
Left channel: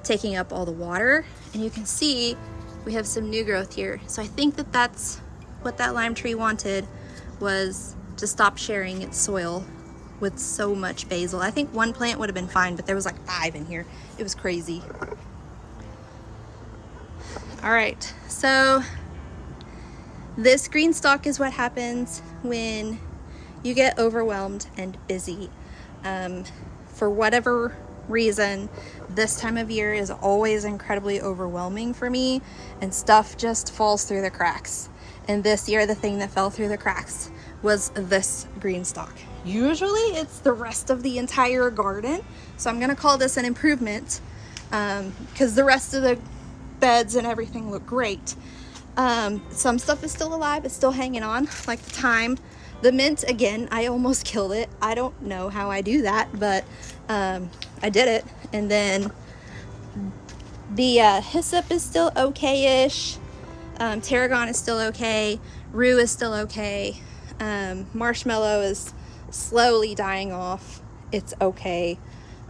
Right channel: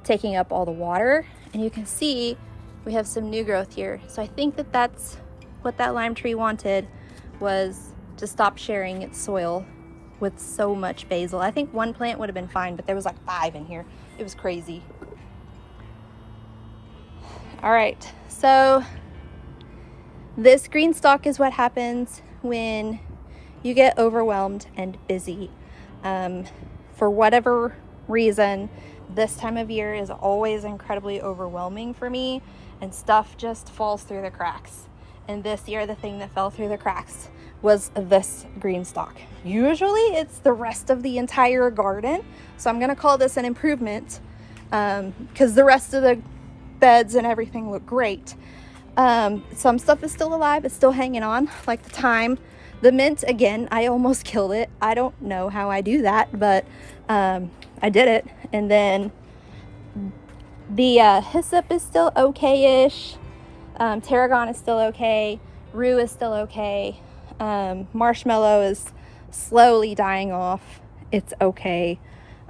taking up all the water. And you can see we have some new growth here. So I think that that's what that lime tree wanted, was to stop sharing its soil with so much basil. I think one plant would have been fine, but there was like 5 in here. It was crazy. All right, so this green stalk is what happens when you get overwhelmed and busy. For whatever reason, this time of year is always incredibly overwhelming for me, and stuff just falls through the cracks. And this year, the thing that fell through the cracks was this green stalk. Usually it's the rest of the entire garden, so I'm gonna call this an improvement. because the rest of the beds and everything look great. Some stuff is still alive, it's still hanging on, like the thyme. The mint, again, I almost killed it. I don't know how I do that, but I did it. And then the hyssop is still okay-ish. Tarragon is still okay. Rue is still okay. Marshmallow is slowly dying off. It's okay.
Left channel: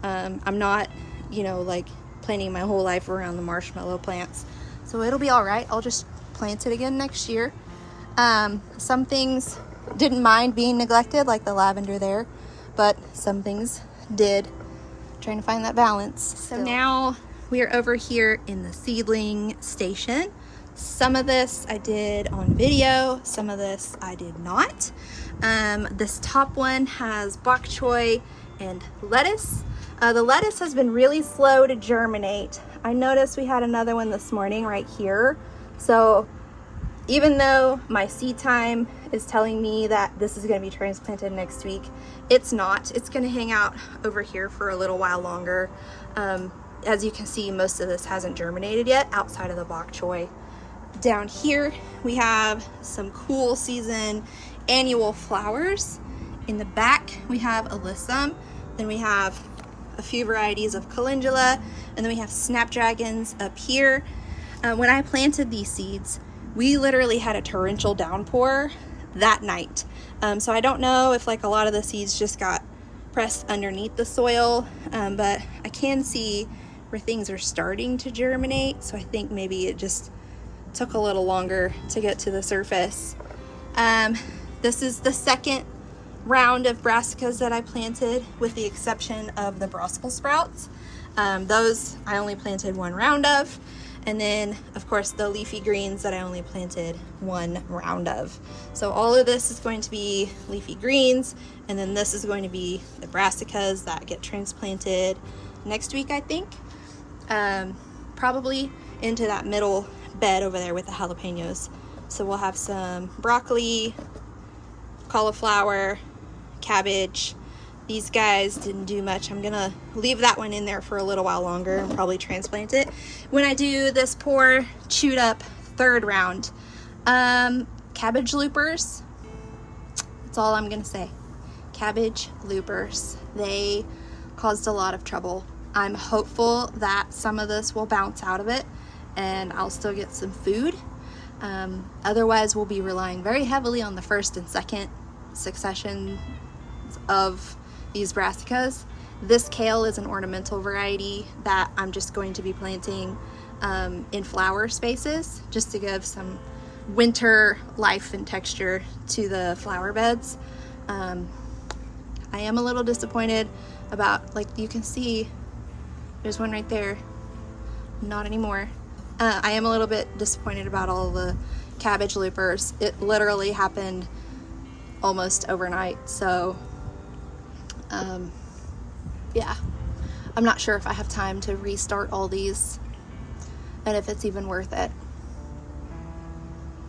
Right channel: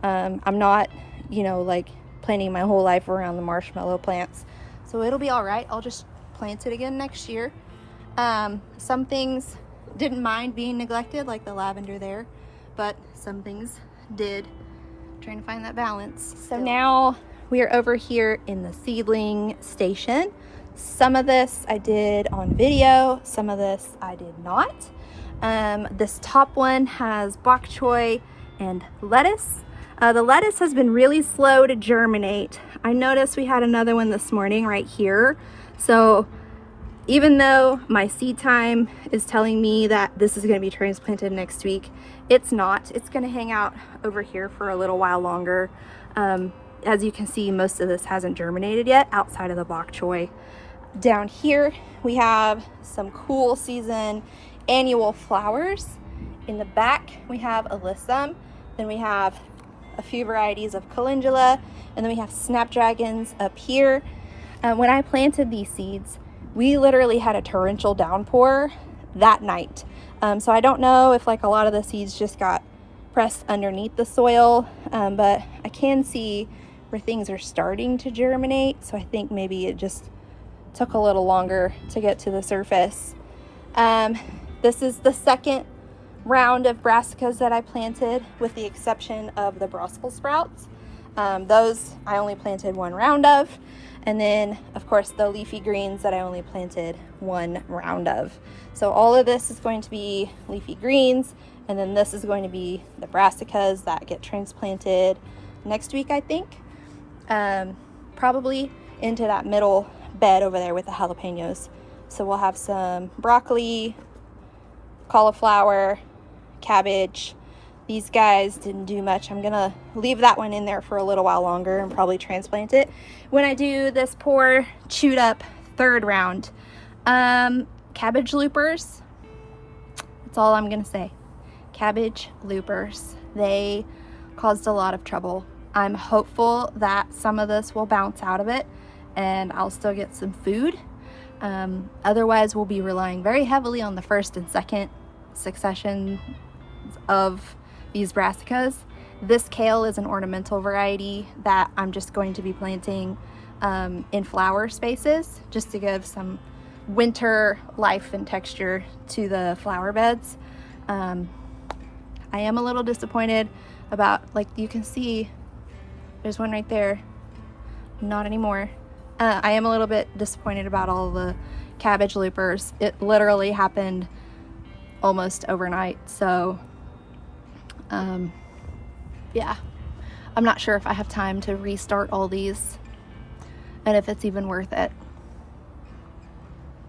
I'm not, you know, like planning my whole life around the marshmallow plants. So it'll be all right. I'll just plant it again next year. Some things didn't mind being neglected, like the lavender there, but some things did. Trying to find that balance. So now we are over here in the seedling station. Some of this I did on video, some of this I did not. This top one has bok choy and lettuce. The lettuce has been really slow to germinate. I noticed we had another one this morning right here. So even though my seed time is telling me that this is going to be transplanted next week, it's not. It's going to hang out over here for a little while longer. As you can see, most of this hasn't germinated yet outside of the bok choy. Down here we have some cool season annual flowers. In the back we have alyssum, then we have a few varieties of calendula, and then we have snapdragons up here. When I planted these seeds, we literally had a torrential downpour that night. So I don't know if like a lot of the seeds just got pressed underneath the soil, but I can see where things are starting to germinate. So I think maybe it just took a little longer to get to the surface. This is the second round of brassicas that I planted, with the exception of the Brussels sprouts. Those I only planted one round of. And then, of course, the leafy greens that I only planted one round of. So all of this is going to be leafy greens, and then this is going to be the brassicas that get transplanted next week, I think. Probably into that middle bed over there with the jalapenos. So we'll have some broccoli, cauliflower, cabbage. These guys didn't do much. I'm gonna leave that one in there for a little while longer and probably transplant it when I do this poor chewed up third round. Cabbage loopers, that's all I'm gonna say. Cabbage loopers, they caused a lot of trouble. I'm hopeful that some of this will bounce out of it and I'll still get some food. Otherwise we'll be relying very heavily on the first and second succession of these brassicas. This kale is an ornamental variety that I'm just going to be planting in flower spaces, just to give some winter life and texture to the flower beds. I am a little disappointed about, like you can see, there's one right there, not anymore. I am a little bit disappointed about all the cabbage loopers. It literally happened almost overnight, so yeah, I'm not sure if I have time to restart all these and if it's even worth it.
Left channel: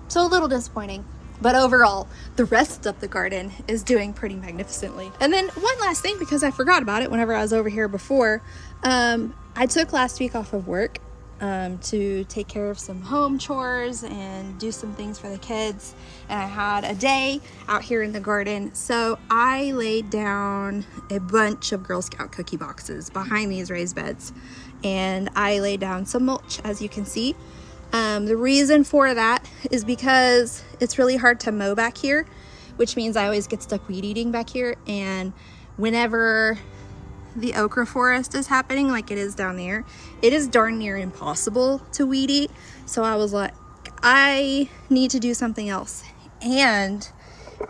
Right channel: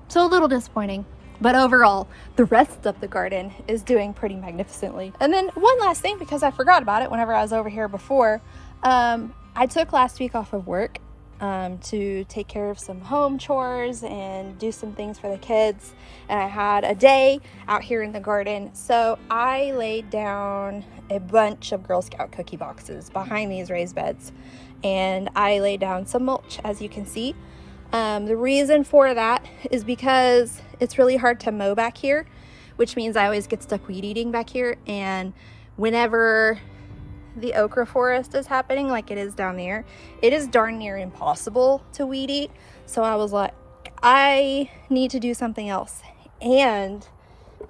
So a little disappointing, but overall the rest of the garden is doing pretty magnificently. And then one last thing, because I forgot about it whenever I was over here before, I took last week off of work to take care of some home chores and do some things for the kids, and I had a day out here in the garden. So I laid down a bunch of Girl Scout cookie boxes behind these raised beds, and I laid down some mulch, as you can see. The reason for that is because it's really hard to mow back here, which means I always get stuck weed eating back here, and whenever the okra forest is happening like it is down there, it is darn near impossible to weed eat. So I was like, I need to do something else. And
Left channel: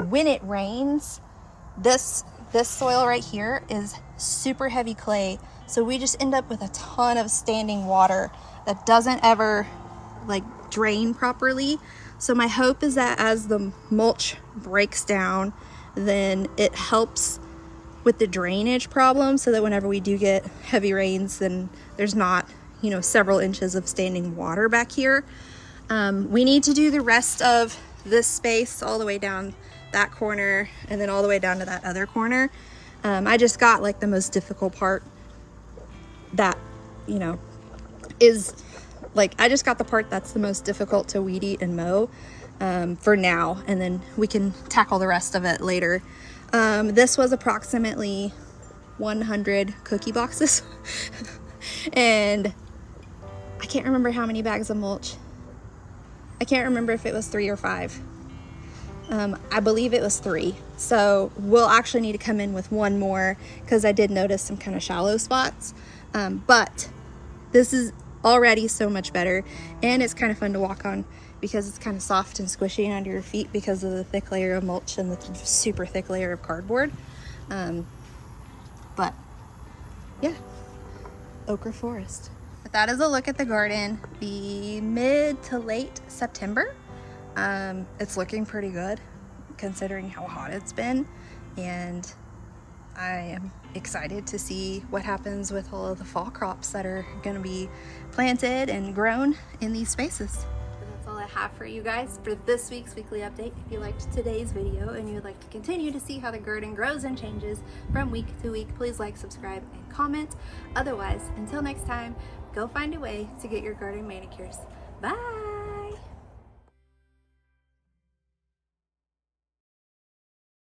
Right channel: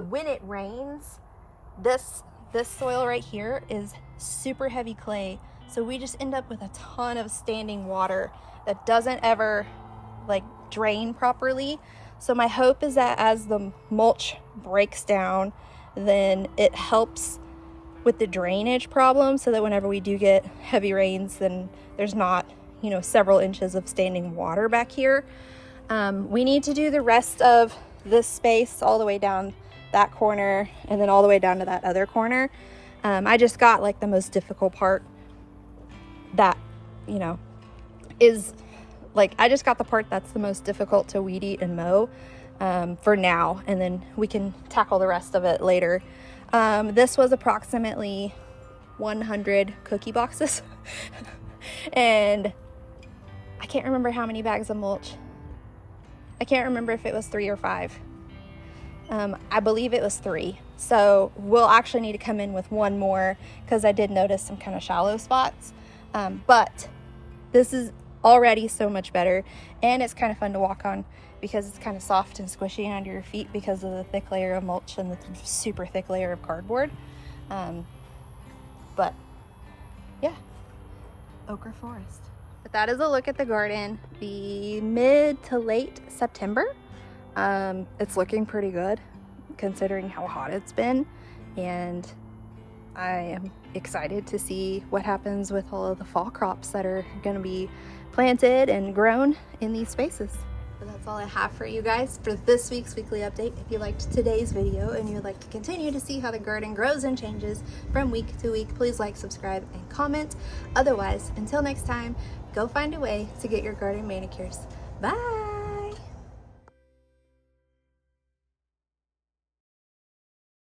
when it rains, this soil right here is super heavy clay, so we just end up with a ton of standing water that doesn't ever like drain properly. So my hope is that as the mulch breaks down, then it helps with the drainage problem, so that whenever we do get heavy rains, then there's not, you know, several inches of standing water back here. We need to do the rest of this space all the way down that corner and then all the way down to that other corner. I just got like the most difficult part that, you know, is like, I just got the part that's the most difficult to weed eat and mow for now, and then we can tackle the rest of it later. This was approximately 100 cookie boxes and I can't remember how many bags of mulch. I can't remember if it was 3 or 5. I believe it was 3. So we'll actually need to come in with 1 more because I did notice some kind of shallow spots. But this is already so much better, and it's kind of fun to walk on because it's kind of soft and squishy under your feet because of the thick layer of mulch and the super thick layer of cardboard. But yeah, okra forest. But that is a look at the garden, the mid to late September. It's looking pretty good considering how hot it's been, and I am excited to see what happens with all of the fall crops that are going to be planted and grown in these spaces. So that's all I have for you guys for this week's weekly update. If you liked today's video and you would like to continue to see how the garden grows and changes from week to week, please like, subscribe, and comment. Otherwise, until next time, go find a way to get your garden manicures. Bye!